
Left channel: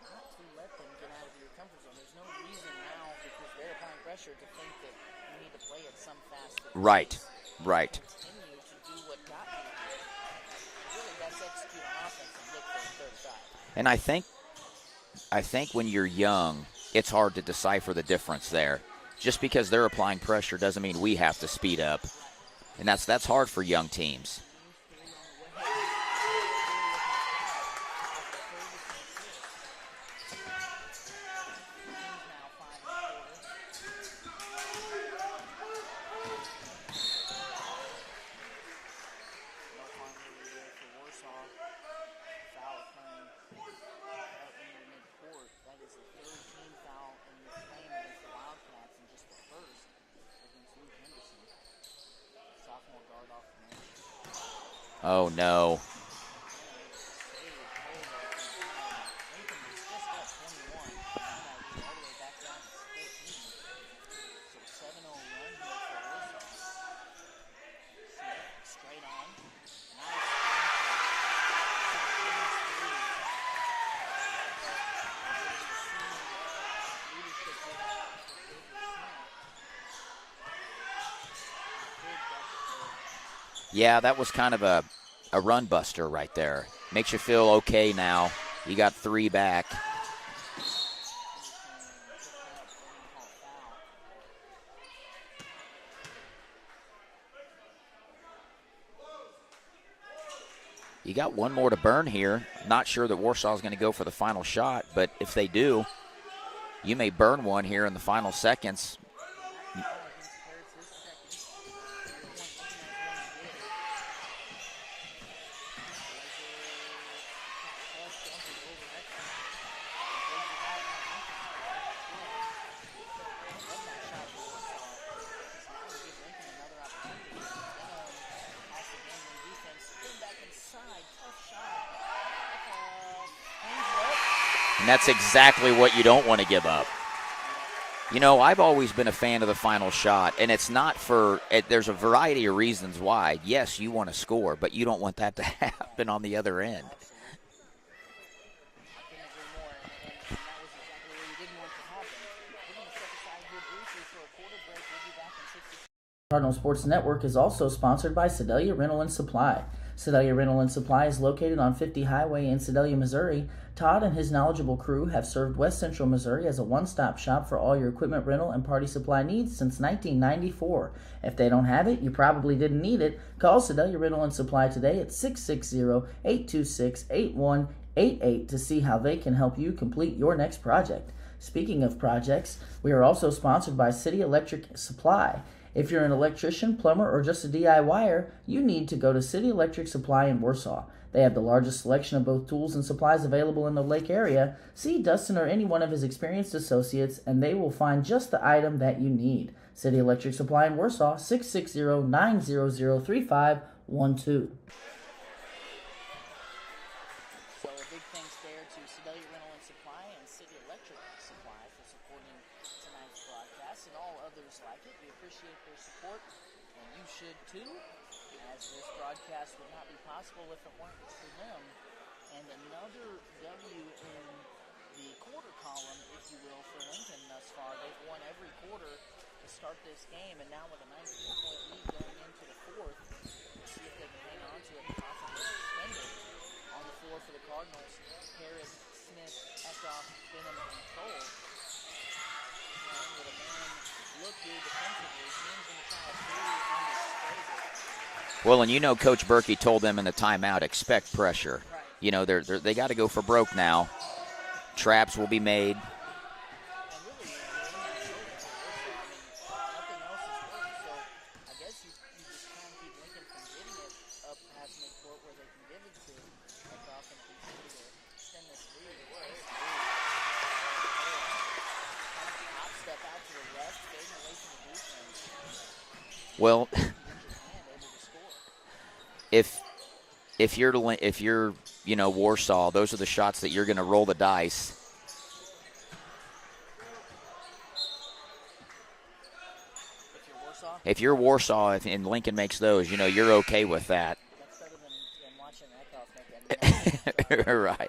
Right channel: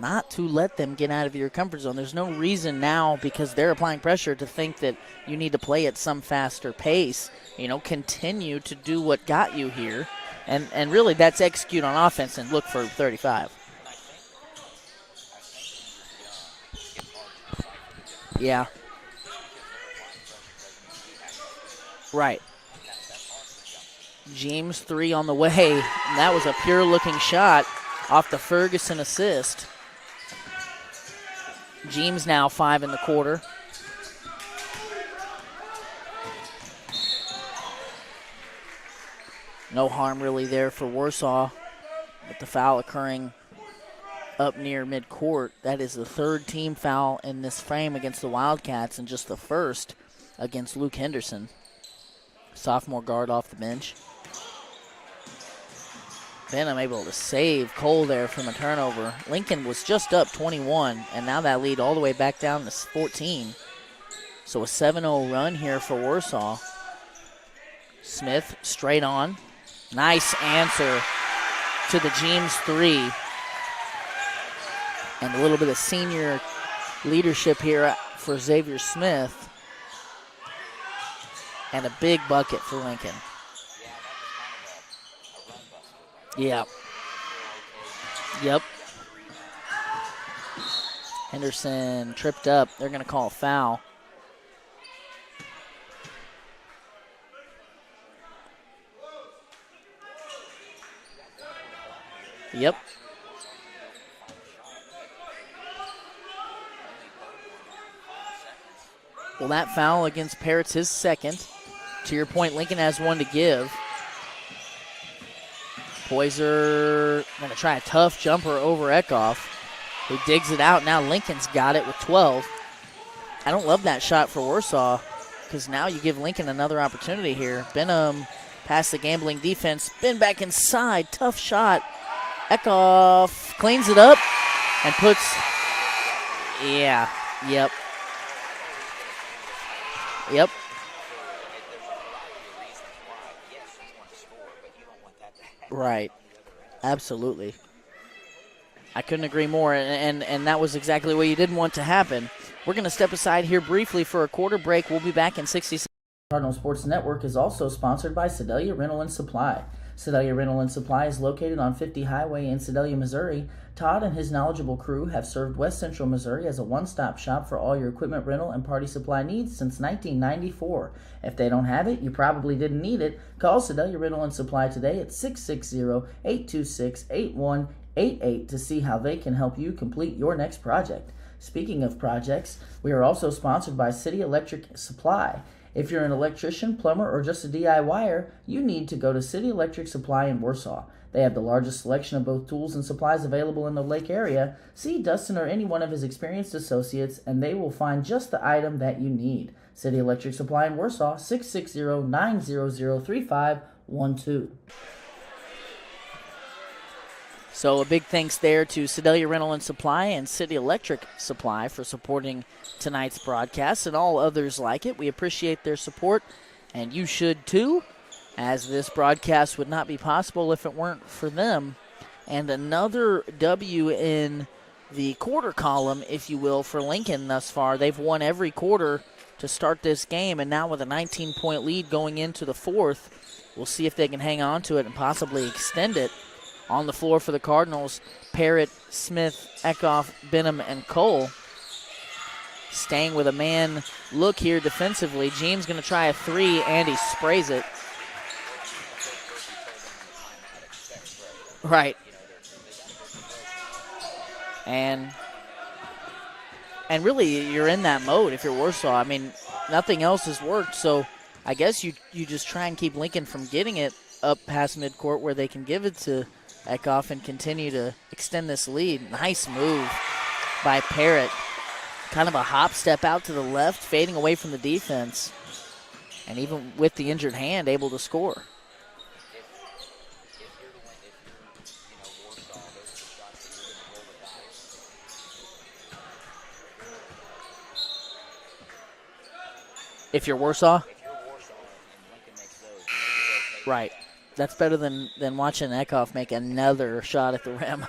not to let them get out of your comfort zone. There's no reason now, because they're applying pressure, to think that you need to play at some faster pace. Right. Continue to do what got you here. And really that's execute on offense and look for 35. And I think when you're young, it's hard to decipher the difference there. Just because they're applying pressure doesn't mean we have to speed up. Right. And that's hard for young teams. James 3 on the way. And that was a pure-looking shot off the Ferguson assist. James now 5 in the quarter. No harm really there for Warsaw, with the foul occurring up near midcourt. That is the third team foul in this frame against the Wildcats, and just the first against Luke Henderson. Sophomore guard off the bench. Oh, no. Benham able to save Cole there from a turnover. Lincoln was just up 21, and now that lead all the way back down to 14. So a 7-0 run here for Warsaw. Smith straight on. Nice answer to the James 3. And a little bit of senior leadership here for Xavier Smith. And a big bucket for Lincoln. Yeah, that was kind of a run buster right there. Yeah. Makes you feel okay now. Yep. You got 3 back. Henderson tripped up. They're going to call a foul. You got one more to burn here. Yep. Not sure that Warsaw's going to go for the final shot, but if they do, you may burn one here in the final seconds. Well, that foul against Parrott's his second. To your point, Lincoln has one to give. Poyser going to try a tough jumper over Eckhoff. He digs it out. Now Lincoln's got it with 12. I don't love that shot for Warsaw because now you give Lincoln another opportunity here. Benham past the gambling defense. Spin back inside. Tough shot. Eckhoff cleans it up. And that's exactly what you don't want to give up. Yeah, yep. You know, I've always been a fan of the final shot, Yep. and it's not for there's a variety of reasons why. Yes, you want to score, but you don't want that to happen on the other end. Absolutely. I couldn't agree more, and that was exactly what you didn't want to happen. We're going to step aside here briefly for a quarter break. We'll be back in 60 seconds. Cardinal Sports Network is also sponsored by Sedalia Rental and Supply. Sedalia Rental and Supply is located on 50 Highway in Sedalia, Missouri. Todd and his knowledgeable crew have served West Central Missouri as a one-stop shop for all your equipment rental and party supply needs since 1994. If they don't have it, you probably didn't need it. Call Sedalia Rental and Supply today at 660-826-8188 to see how they can help you complete your next project. Speaking of projects, we are also sponsored by City Electric Supply. If you're an electrician, plumber, or just a DIYer, you need to go to City Electric Supply in Warsaw. They have the largest selection of both tools and supplies available in the Lake area. See Dustin or any one of his experienced associates, and they will find just the item that you need. City Electric Supply in Warsaw, 660-900-3512. So a big thanks there to Sedalia Rental and Supply and City Electric Supply for supporting tonight's broadcast and all others like it. We appreciate their support, and you should too, as this broadcast would not be possible if it weren't for them. And another W in the quarter column, if you will, for Lincoln thus far. They've won every quarter to start this game, and now with a 19-point lead going into the fourth, we'll see if they can hang on to it and possibly extend it. On the floor for the Cardinals, Parrott, Smith, Eckhoff, Benham, and Cole. Staying with a man look here defensively. James going to try a three, and he sprays it. Well, and you know Coach Berkey told them in the timeout, expect pressure. Right. You know, they got to go for broke now. And traps will be made. And really, you're in that mode if you're Warsaw. I mean, nothing else has worked, so I guess you just try and keep Lincoln from getting it up past midcourt where they can give it to Eckhoff and continue to extend this lead. Nice move by Parrott. Kind of a hop step out to the left, fading away from the defense. And even with the injured hand, able to score. If you're Warsaw, those are the shots that you're going to roll the dice. If you're Warsaw? If you're Warsaw and Lincoln makes those, you're okay with that. That's better than watching Eckhoff make another shot at him. Right.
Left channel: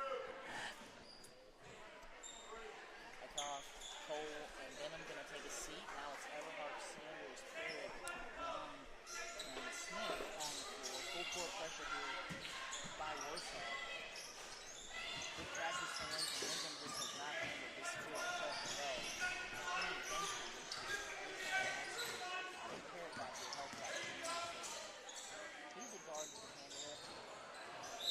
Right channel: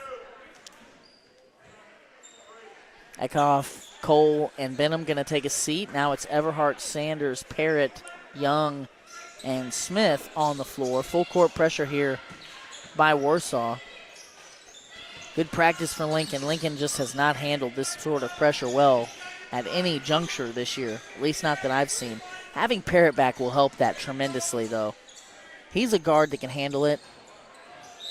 Eckhoff, Cole, and Benham going to take a seat. Now it's Everhart, Sanders, Parrott, Young, and Smith on the floor. Full court pressure here by Warsaw. Good practice for Lincoln. Lincoln just has not handled this sort of pressure well at any juncture this year, at least not that I've seen. Having Parrott back will help that tremendously, though. He's a guard that can handle it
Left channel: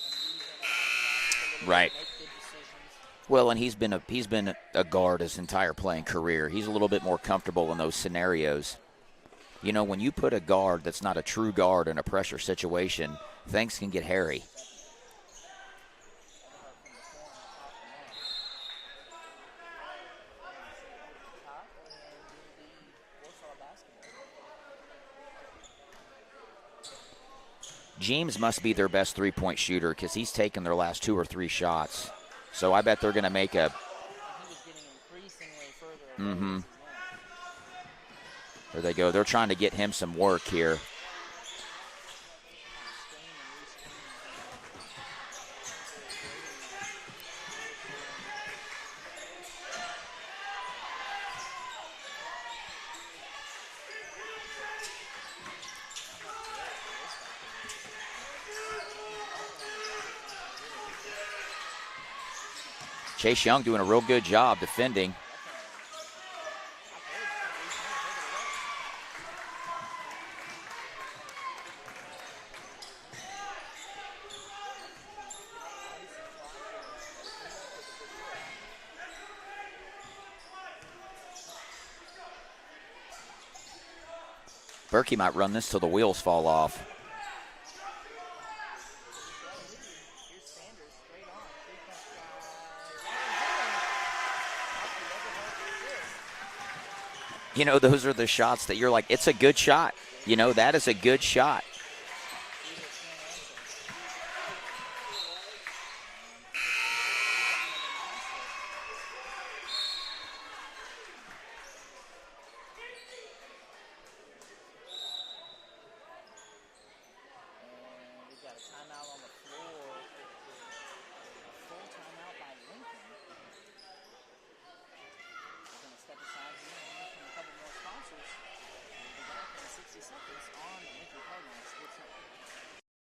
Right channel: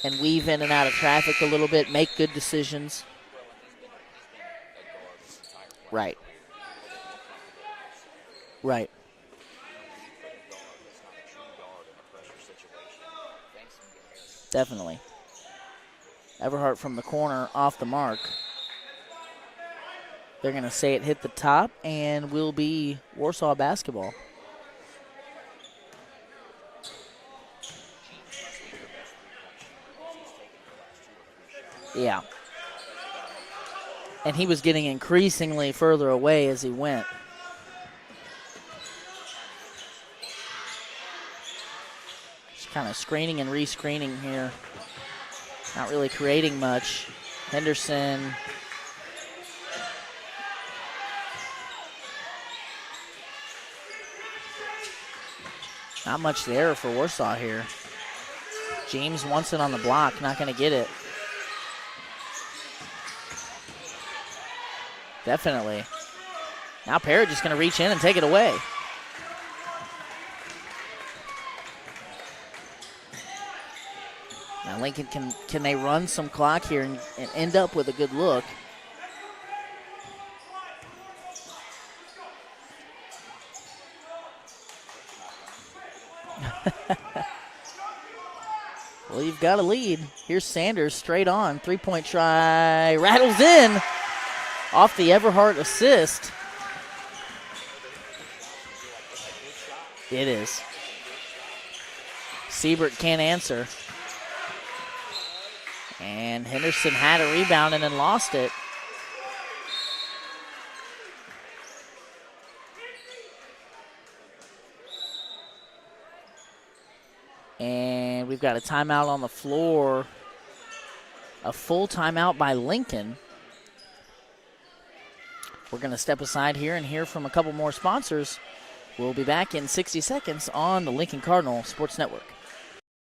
and weave in and out of traffic a little bit, make good decisions. Well, and he's been a guard his entire playing career. He's a little bit more comfortable in those scenarios. Right. When you put a guard that's not a true guard in a pressure situation, things can get hairy. Definitely. Everhart from the corner off the mark. They're going to say it hit the top and will be Warsaw basketball. James must be their best three-point shooter because he's taken their last 2 or 3 shots. Yeah. So I bet they're going to make a... And he was getting increasingly further away as he went. There they go. They're trying to get him some work here. Just kind of screening and re-screening here. Not really creating much. Henderson... Not much there for Warsaw here. James wants it on the block, not going to get it. Chase Young doing a real good job defending. Definitely. Now Parrott just going to reach in and take it away. Now Lincoln, can they run some clock here and end up with a good look? Berkey might run this till the wheels fall off. Well, you've got a lead. Here's Sanders straight on. Three-point try. Rattles in off the Everhart assist. You know, those are the shots that you're like, it's a good shot. It You know, is. that is a good shot. Siebert can't answer. And Henderson had a rebound and then lost it. And we've got a timeout on the floor. A full timeout by Lincoln. We're going to step aside here and hear from a couple more sponsors. We'll be back in 60 seconds on the Lincoln Cardinal Sports Network.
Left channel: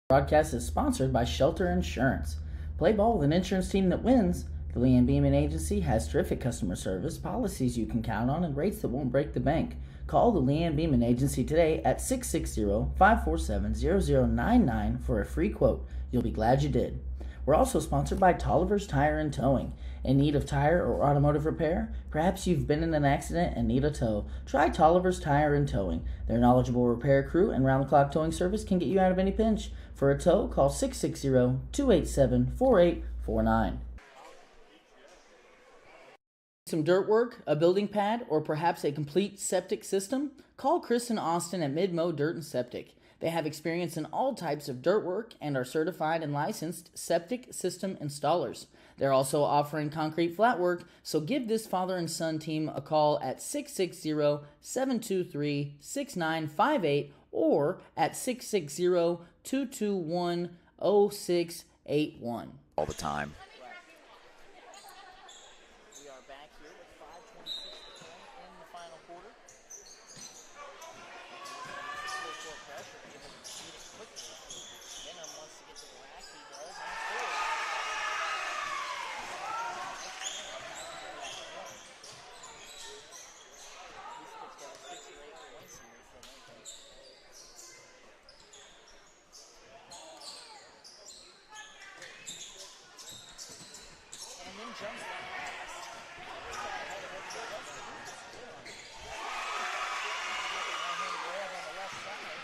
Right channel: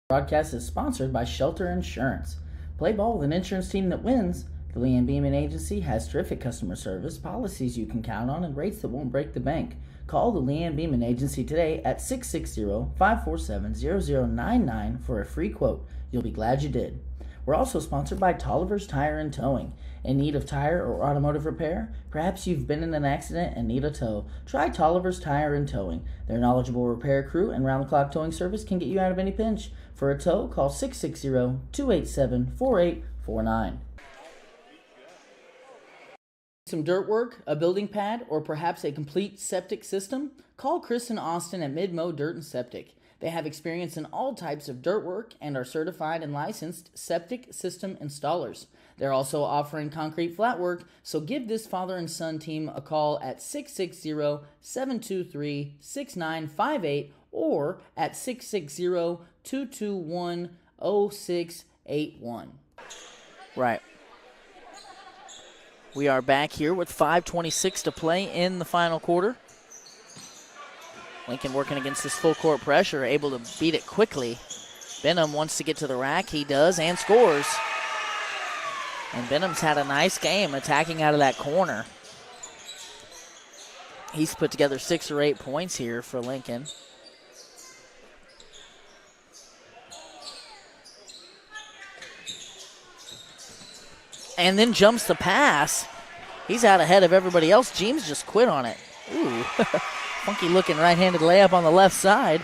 Broadcast is sponsored by Shelter Insurance. Play ball with an insurance team that wins. The Lee and Beeman Agency has terrific customer service, policies you can count on, and rates that won't break the bank. Call the Lee and Beeman Agency today at 660-547-0099 for a free quote. You'll be glad you did. We're also sponsored by Tolliver's Tire and Towing. In need of tire or automotive repair? Perhaps you've been in an accident and need a tow. Try Tolliver's Tire and Towing. Their knowledgeable repair crew and round-the-clock towing service can get you out of any pinch. For a tow, call 660-287-4849. Some dirt work, a building pad, or perhaps a complete septic system? Call Chris and Austin at Midmo Dirt and Septic. They have experience in all types of dirt work and are certified and licensed septic system installers. They're also offering concrete flat work, so give this father and son team a call at 660-723-6958 or at 660-221-0681. All the time. Right. We are back here with 5:26 to play in the final quarter. Lincoln working against this full court pressure, able to beat it quickly. Benham wants to get to the rack. He does and scores. And Benham's had a nice game attacking out of that corner. He's put together 6 or 8 points here for Lincoln. And then jumps the pass. He's out ahead of everybody else. James just quit on it. Ooh. Funky looking right-handed layup on the left side.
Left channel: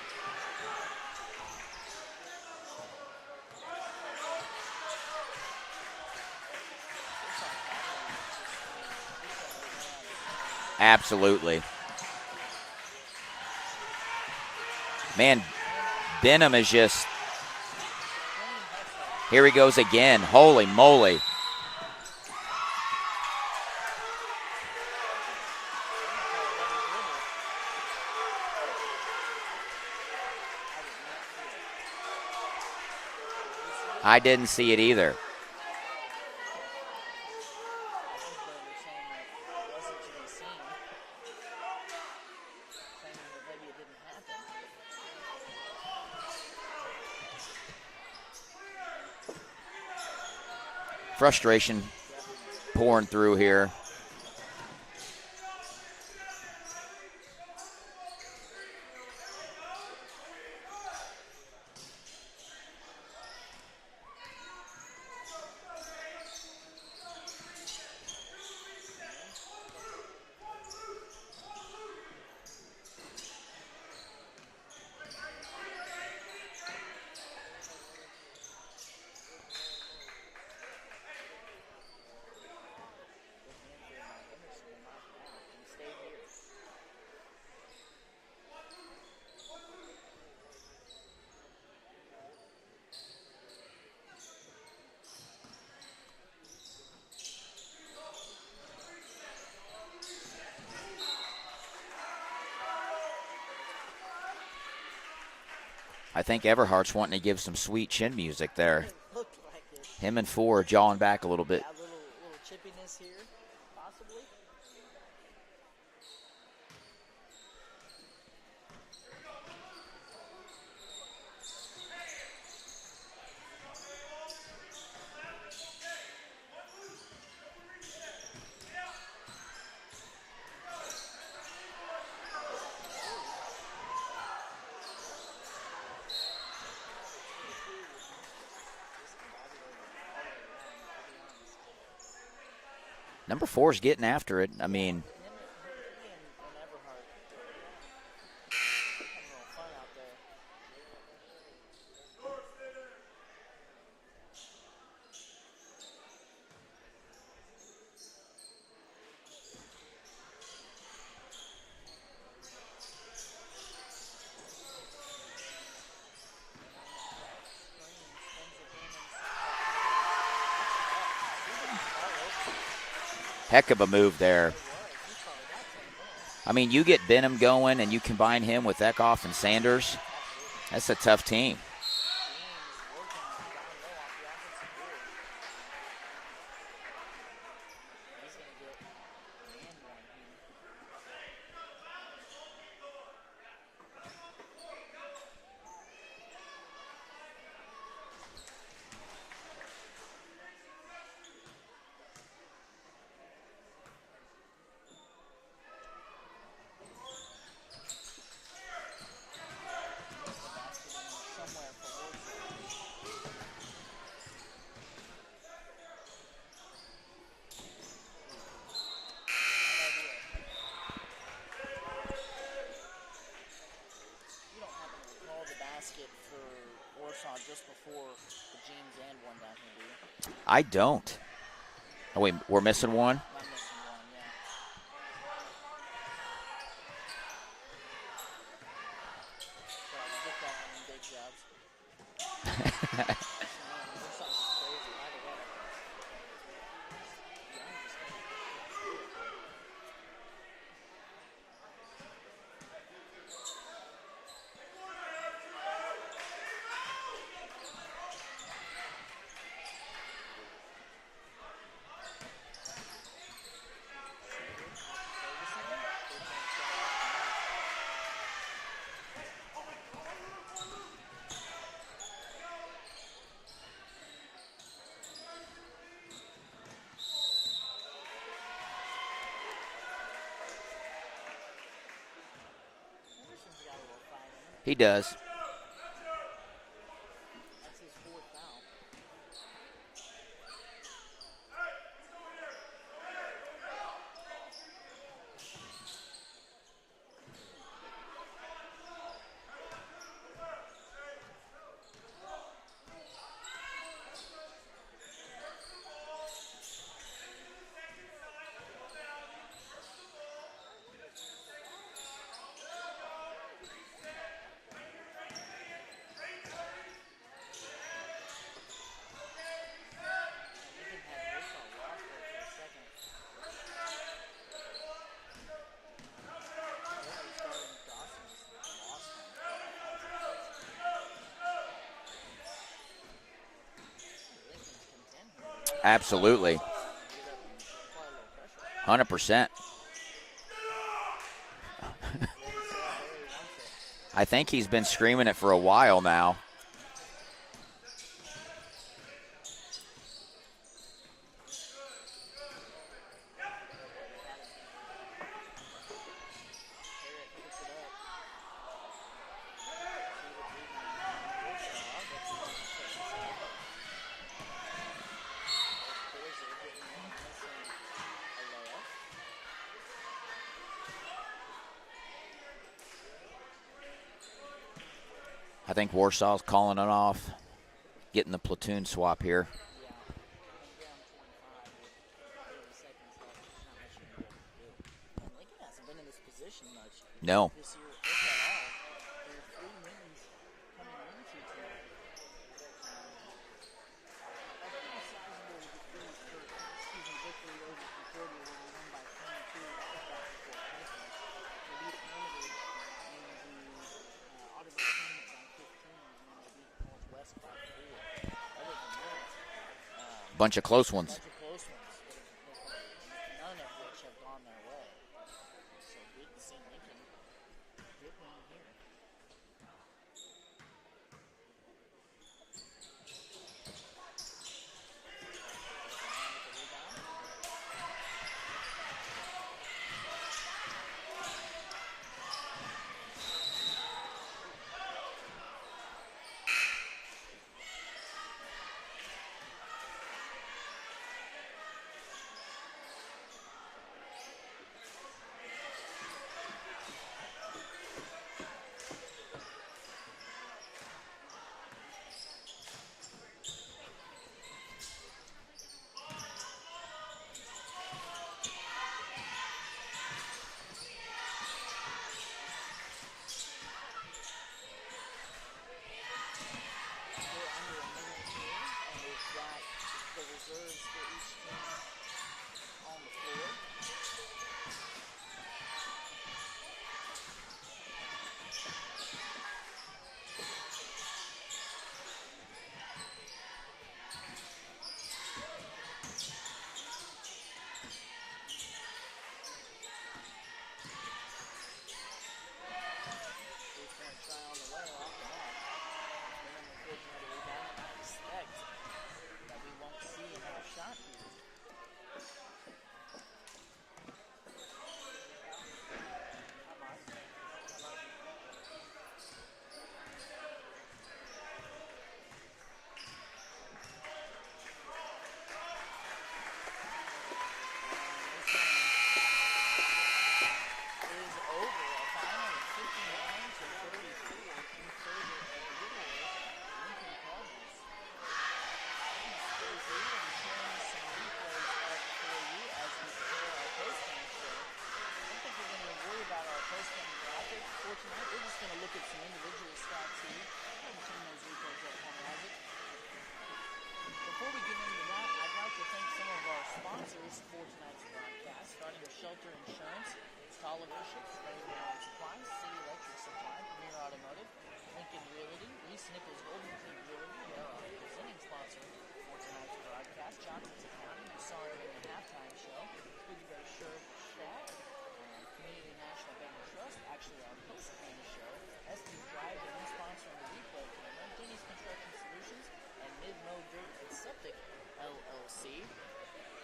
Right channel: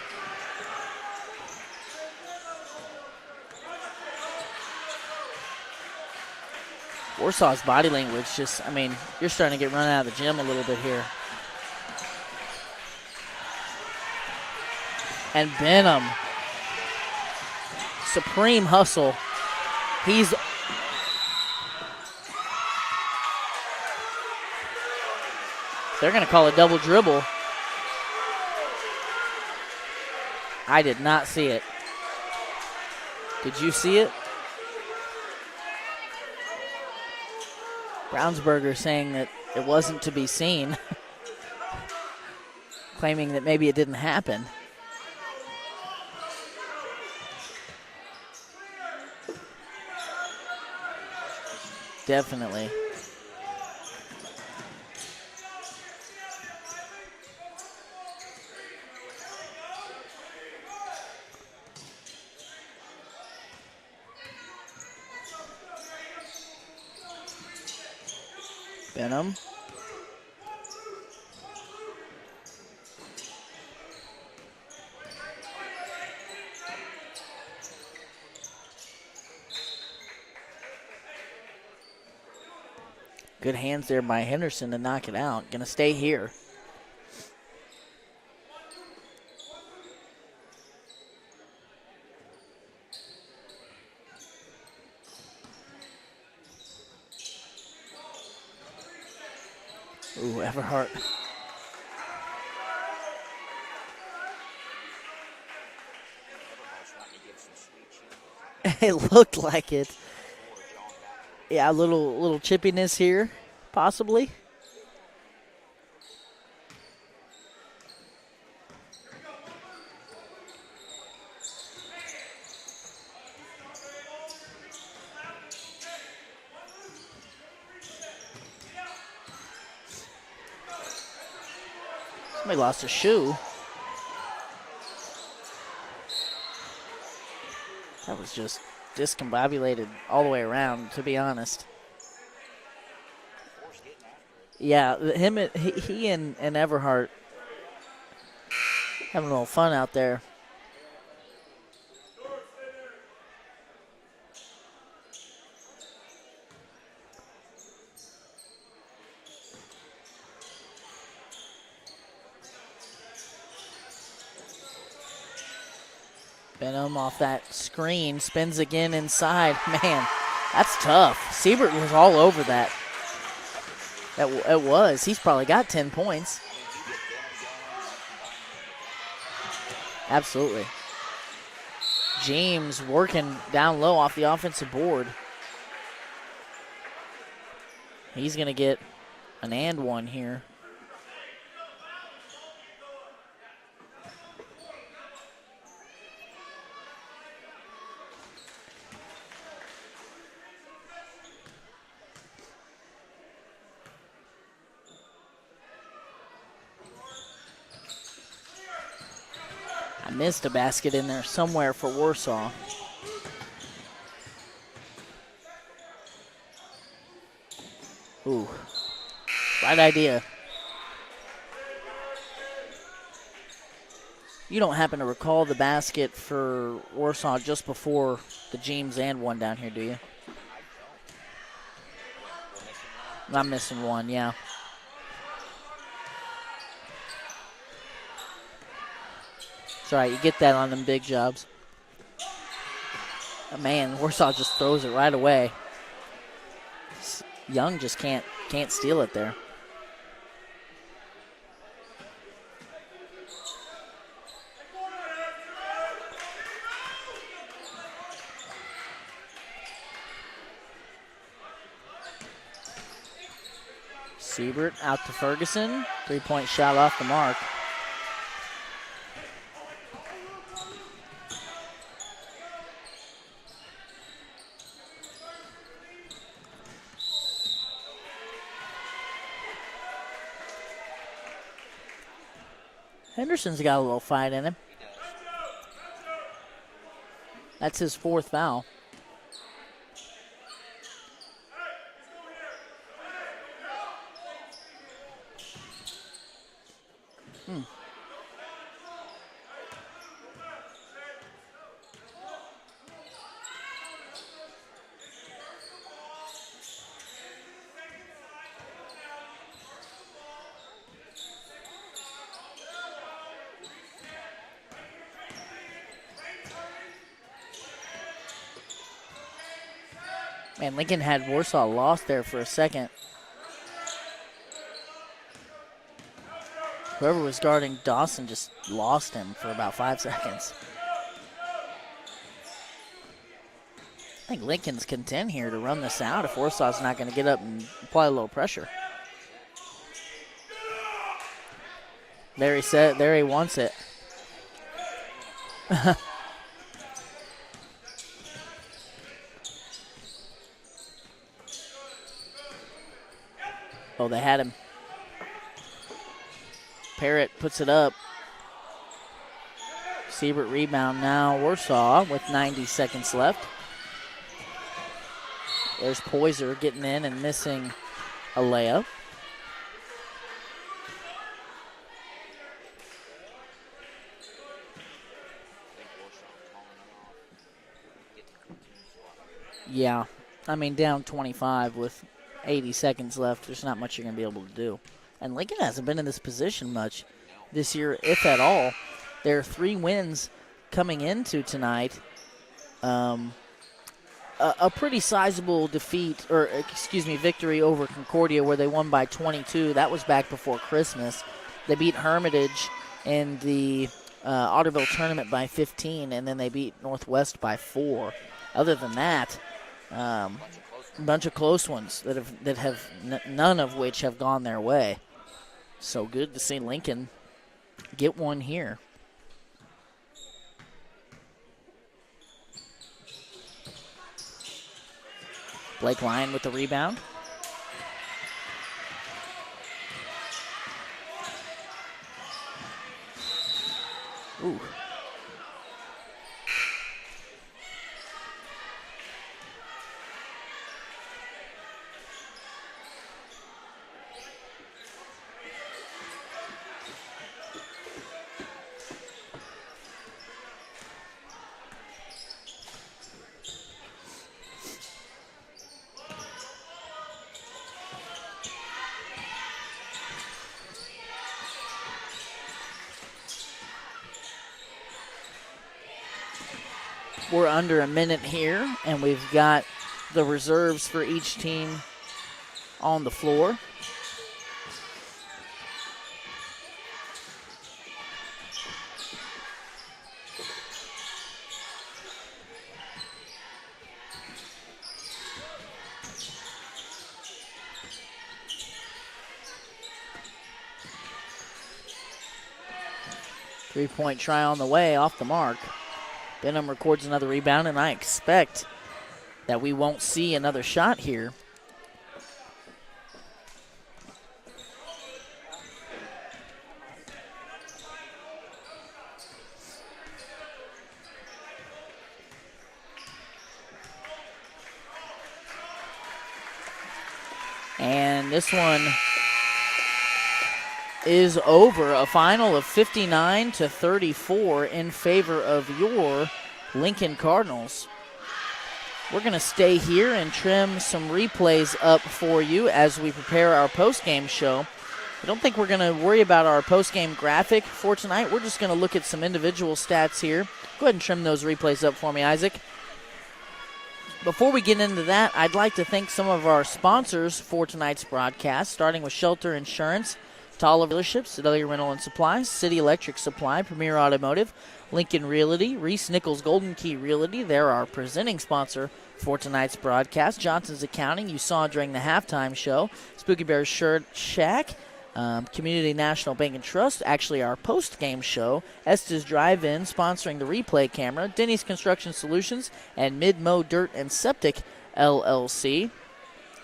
Warsaw's body language just, I mean, you're starting to get run out of the gym a little bit here. Absolutely. Man, And Benham, Benham is just, supreme hustle. here he goes again. He's- Holy moly. They're going to call a double dribble. I did not see it. Did you see it? I didn't see it either. Brownsberger saying that it wasn't to be seen, claiming that maybe it didn't happen. Frustration Definitely. pouring through here. Benham. Good hands there by Henderson to knock it out. Gonna stay here. Ooh, Everhart. I think Everhart's wanting to give some sweet chin music there. It looked like it. Him and Four jawing back a little bit. Yeah, a little chippiness here, possibly. Somebody lost a shoe. That was just discombobulated all the way around, to be honest. Number 4's getting after it. I Yeah, mean, he and Everhart having a little fun out there. Benham off that screen, spins again inside. Man, that's tough. Siebert was all over that. Heck of a move there. It was. He's probably got 10 points. I mean, you get Benham going and you combine him with Eckhoff and Sanders. Absolutely. That's a tough team. James working down low off the offensive board. He's going to get an and one here. I missed a basket in there somewhere for Warsaw. Ooh, right idea. You don't happen to recall the basket for Warsaw just before the James and one down here, do you? I don't. Oh, wait, we're missing one? I'm missing one, yeah. It's all right, you get that on them big jobs. Man, Warsaw just throws it right away. Young just can't steal it there. Siebert out to Ferguson. 3-point shot off the mark. Henderson's got a little fight in him. He does. That's his 4th foul. Man, Lincoln had Warsaw lost there for a second. Whoever was guarding Dawson just lost him for about 5 seconds. I think Lincoln's content here to run this out. Absolutely. Warsaw's not going to get up and apply a little pressure. 100%. There he wants it. I think he's been screaming it for a while now. Oh, they had him. Parrott puts it up. Siebert rebound now. Warsaw with 90 seconds left. There's Poyser getting in and missing a layup. I think Warsaw's calling it off, getting the platoon swap here. Yeah. I mean, down 25 with 80 seconds left. There's not much you're going to be able to do. And Lincoln hasn't been in this position much this year, if at all. There are 3 wins coming into tonight. A pretty sizable victory over Concordia where they won by 22. That was back before Christmas. They beat Hermitage in the Otterville tournament by 15, and then they beat Northwest by 4. Other than that, bunch of close ones. that have none of which have gone their way. So good to see Lincoln get one here. Blake Lyon with the rebound. Ooh. We're under a minute here, and we've got the reserves for each team on the floor. Three-point try on the way, off the mark. Benham records another rebound, and I expect that we won't see another shot here. And this one is over. A final of 59-34 in favor of your Lincoln Cardinals. We're going to stay here and trim some replays up for you as we prepare our post-game show. I don't think we're going to worry about our post-game graphic for tonight. We're just going to look at some individual stats here. Go ahead and trim those replays up for me, Isaac. Before we get into that, I'd like to thank some of our sponsors for tonight's broadcast, starting with Shelter Insurance, Tala Dealerships, Sedalia Rental and Supply, City Electric Supply, Premier Automotive, Lincoln Realty, Reese Nichols Golden Key Realty. They're our presenting sponsor for tonight's broadcast. Johnson's Accounting, you saw during the halftime show. Spooky Bears Shirt Shack, Community National Bank and Trust, actually our post-game show. Estes Drive-In, sponsoring the replay camera. Denny's Construction Solutions, and Mid-Mo Dirt and Septic LLC.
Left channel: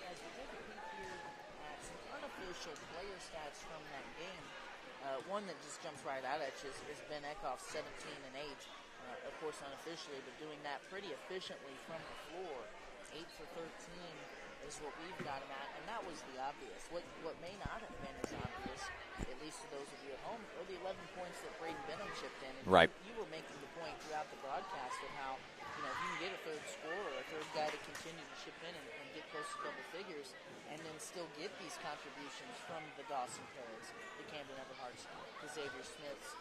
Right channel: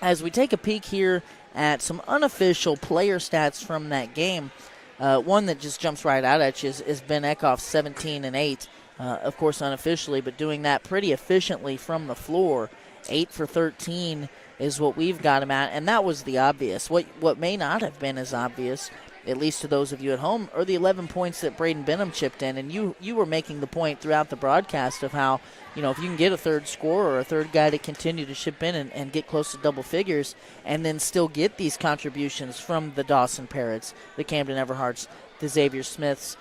As we take a peek here at some unofficial player stats from that game, one that just jumps right out at you is Ben Eckhoff, 17 and 8, of course unofficially, but doing that pretty efficiently from the floor. 8 for 13 is what we've got him at, and that was the obvious. What may not have been as obvious, at least to those of you at home, are the 11 points that Braden Benham chipped in, and right. you were making the point throughout the broadcast of how, if you can get a third scorer or a third guy to continue to chip in and get close to double figures and then still get these contributions from the Dawson Parrots, the Camden Everharts, the Xavier Smiths,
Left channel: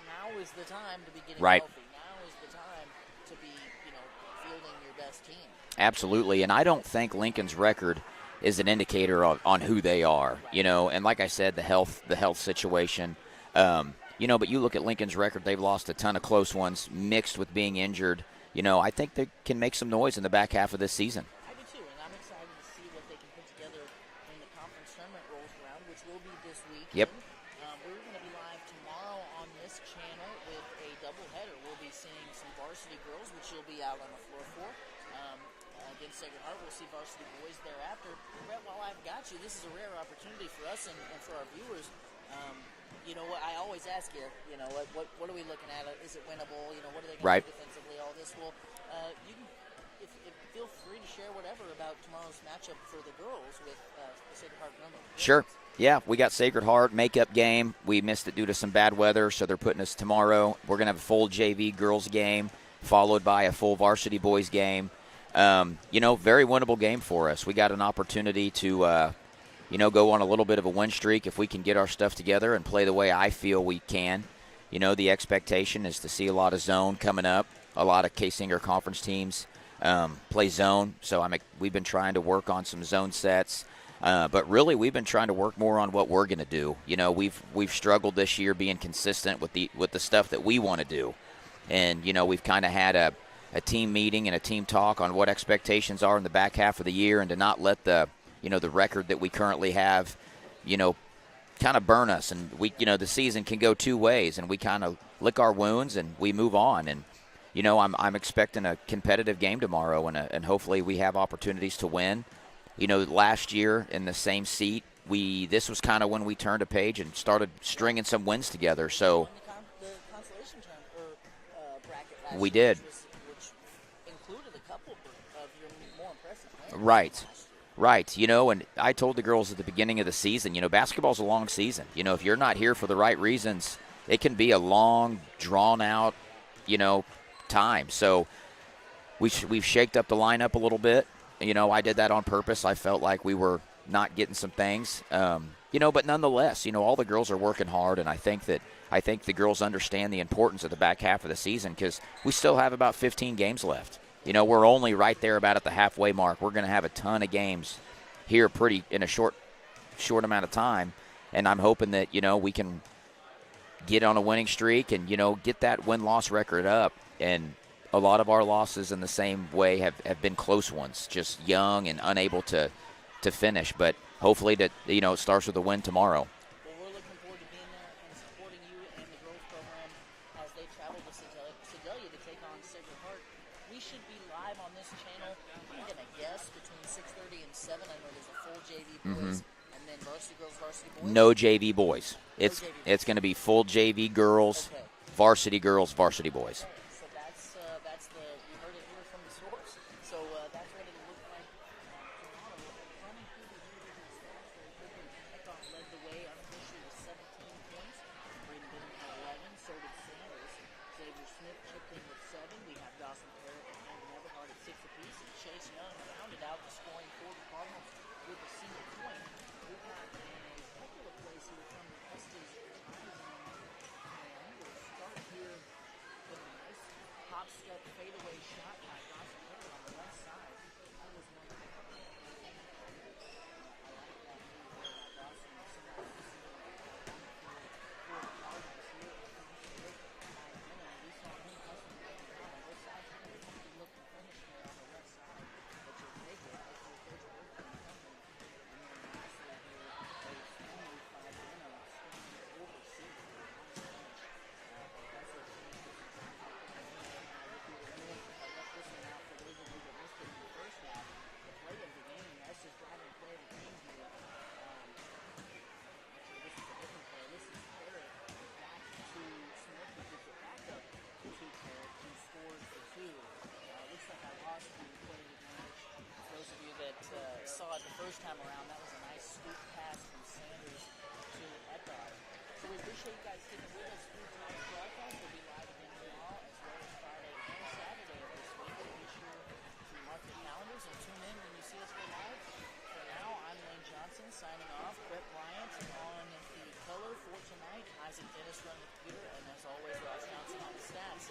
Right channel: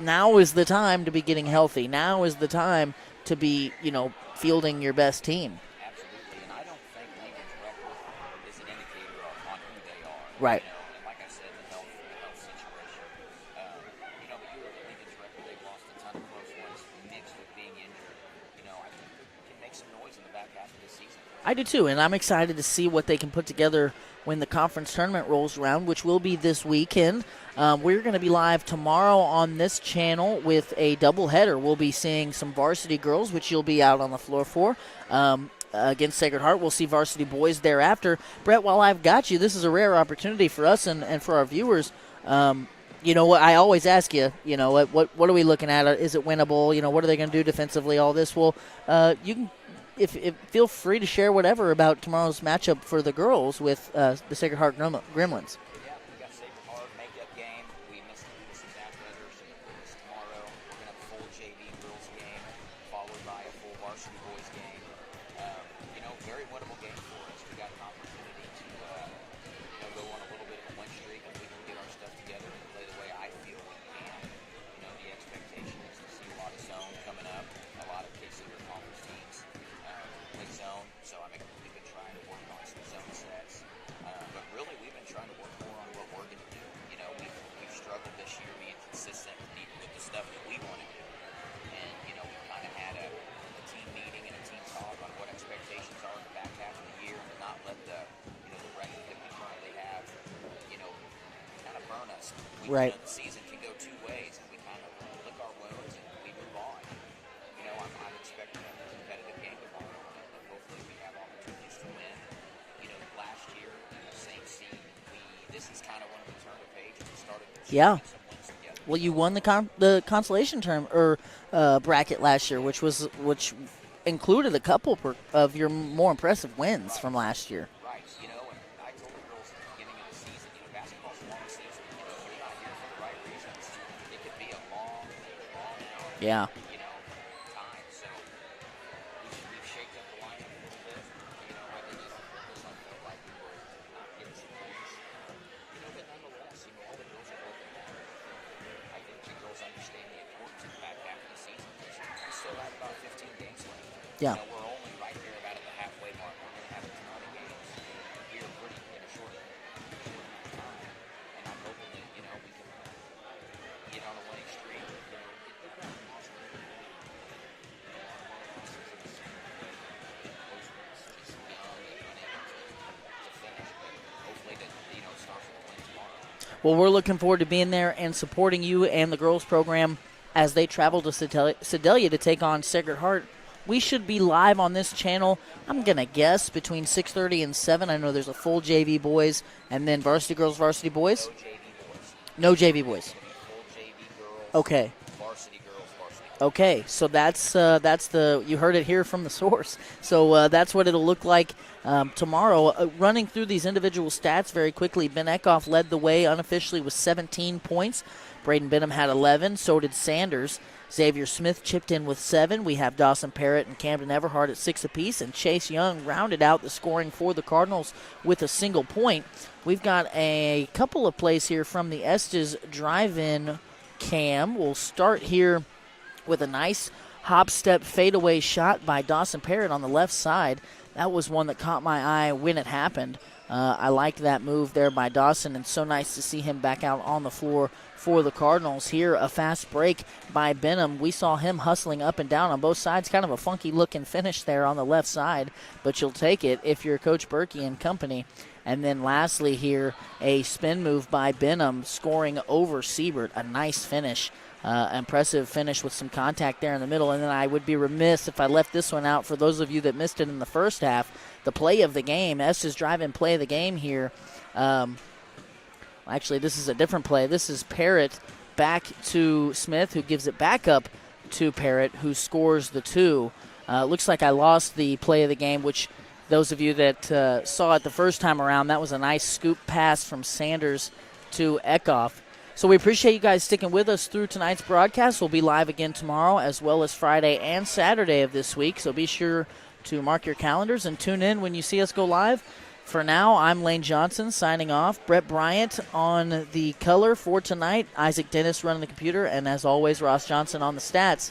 now is the time to be getting right. healthy. Now is the time to be, fielding your best team. Absolutely, and I don't think Lincoln's record is an indicator on who they are. Right. And like I said, the health situation. But you look at Lincoln's record, they've lost a ton of close ones mixed with being injured. I think they can make some noise in the back half of this season. I do too, and I'm excited to see what they can put together when the conference tournament rolls around, which will be this weekend. Yep. We're going to be live tomorrow on this channel with a doubleheader. We'll be seeing some varsity girls, which you'll be out on the floor for, against Sacred Heart. We'll see varsity boys thereafter. Brett, while I've got you, this is a rare opportunity for us and for our viewers. What I always ask you, what are we looking at? Is it winnable? What are they going to do defensively? All this. Well, you can, if feel free to share whatever about tomorrow's matchup for the girls with the Sacred Heart Gremlins. Sure. Yeah, we got Sacred Heart makeup game. We missed it due to some bad weather, so they're putting us tomorrow. We're going to have a full JV girls game, followed by a full varsity boys game. Very winnable game for us. We got an opportunity to go on a little bit of a win streak if we can get our stuff together and play the way I feel we can. The expectation is to see a lot of zone coming up. A lot of K-Singer conference teams play zone, so we've been trying to work on some zone sets. But really, we've been trying to work more on what we're going to do. We've struggled this year being consistent with the stuff that we want to do. And, we've kind of had a team meeting and a team talk on what expectations are in the back half of the year, and to not let the record that we currently have, kind of burn us. And the season can go two ways, and we kind of lick our wounds and we move on. And, I'm expecting a competitive game tomorrow, and hopefully we have opportunities to win. Last year in the same seat, this was kind of when we turned a page and started stringing some wins together. Well, so you won the consolation term or bracket last year, which included a couple of your more impressive wins from last year. Right. And I told the girls at the beginning of the season, basketball's a long season. If you're not here for the right reasons, it can be a long, drawn-out, time. So we've shaked up the lineup a little bit. I did that on purpose. I felt like we were not getting some things. But nonetheless, all the girls are working hard, and I think the girls understand the importance of the back half of the season because we still have about 15 games left. Yeah. We're only right there about at the halfway mark. We're going to have a ton of games here in a short amount of time, and I'm hoping that, we can get on a winning streak and, get that win-loss record up. And a lot of our losses in the same way have been close ones, just young and unable to finish. But hopefully it starts with a win tomorrow. Well, we're looking forward to being there and supporting you and the girls program as they travel to Sedalia to take on Sacred Heart. We should be live on this channel, I'm going to guess, between 6:30 and 7. I know there's a full JV boys and then varsity girls, varsity boys. No JV boys. No JV boys. It's going to be full JV girls. Okay. Varsity girls, varsity boys. Okay, so that's you heard it here from the source. So that's what it'll look like tomorrow. Running through these individual stats very quickly, Ben Eckhoff led the way unofficially with 17 points. Braden Benham had 11, so did Sanders. Xavier Smith chipped in with 7. We have Dawson Parrott and Camden Everhart at 6 apiece, and Chase Young rounded out the scoring for the Cardinals with a single point. We've got a couple of plays here from the Estes drive-in cam. We'll start here with a nice hop-step fadeaway shot by Dawson Parrott on the left side. That was one that caught my eye when it happened. I liked that move there by Dawson, and so nice to see him back out on the floor for the Cardinals. Here, a fast break by Benham. We saw him hustling up and down on both sides. Kind of a funky-looking finish there on the left side, but you'll take it if you're Coach Berkey and company. And then lastly here, a spin move by Benham scoring over Siebert. A nice finish, impressive finish with some contact there in the middle. And then I would be remiss if I left this one out for those of you that missed it in the first half. The play of the game, Estes drive-in play of the game here. Actually, this is a different play. This is Parrott back to Smith, who gives it back up to Parrott, who scores the 2. Looks like I lost the play of the game, which those of you that saw it the first time around, that was a nice scoop pass from Sanders to Eckhoff. So we appreciate you guys sticking with us through tonight's broadcast. We'll be live again tomorrow as well as Friday and Saturday of this week. So be sure to mark your calendars and tune in when you see us go live. For now, I'm Lane Johnson signing off. Brett Bryant on the color for tonight. Isaac Dennis running the computer. And as always, Ross Johnson on the stats.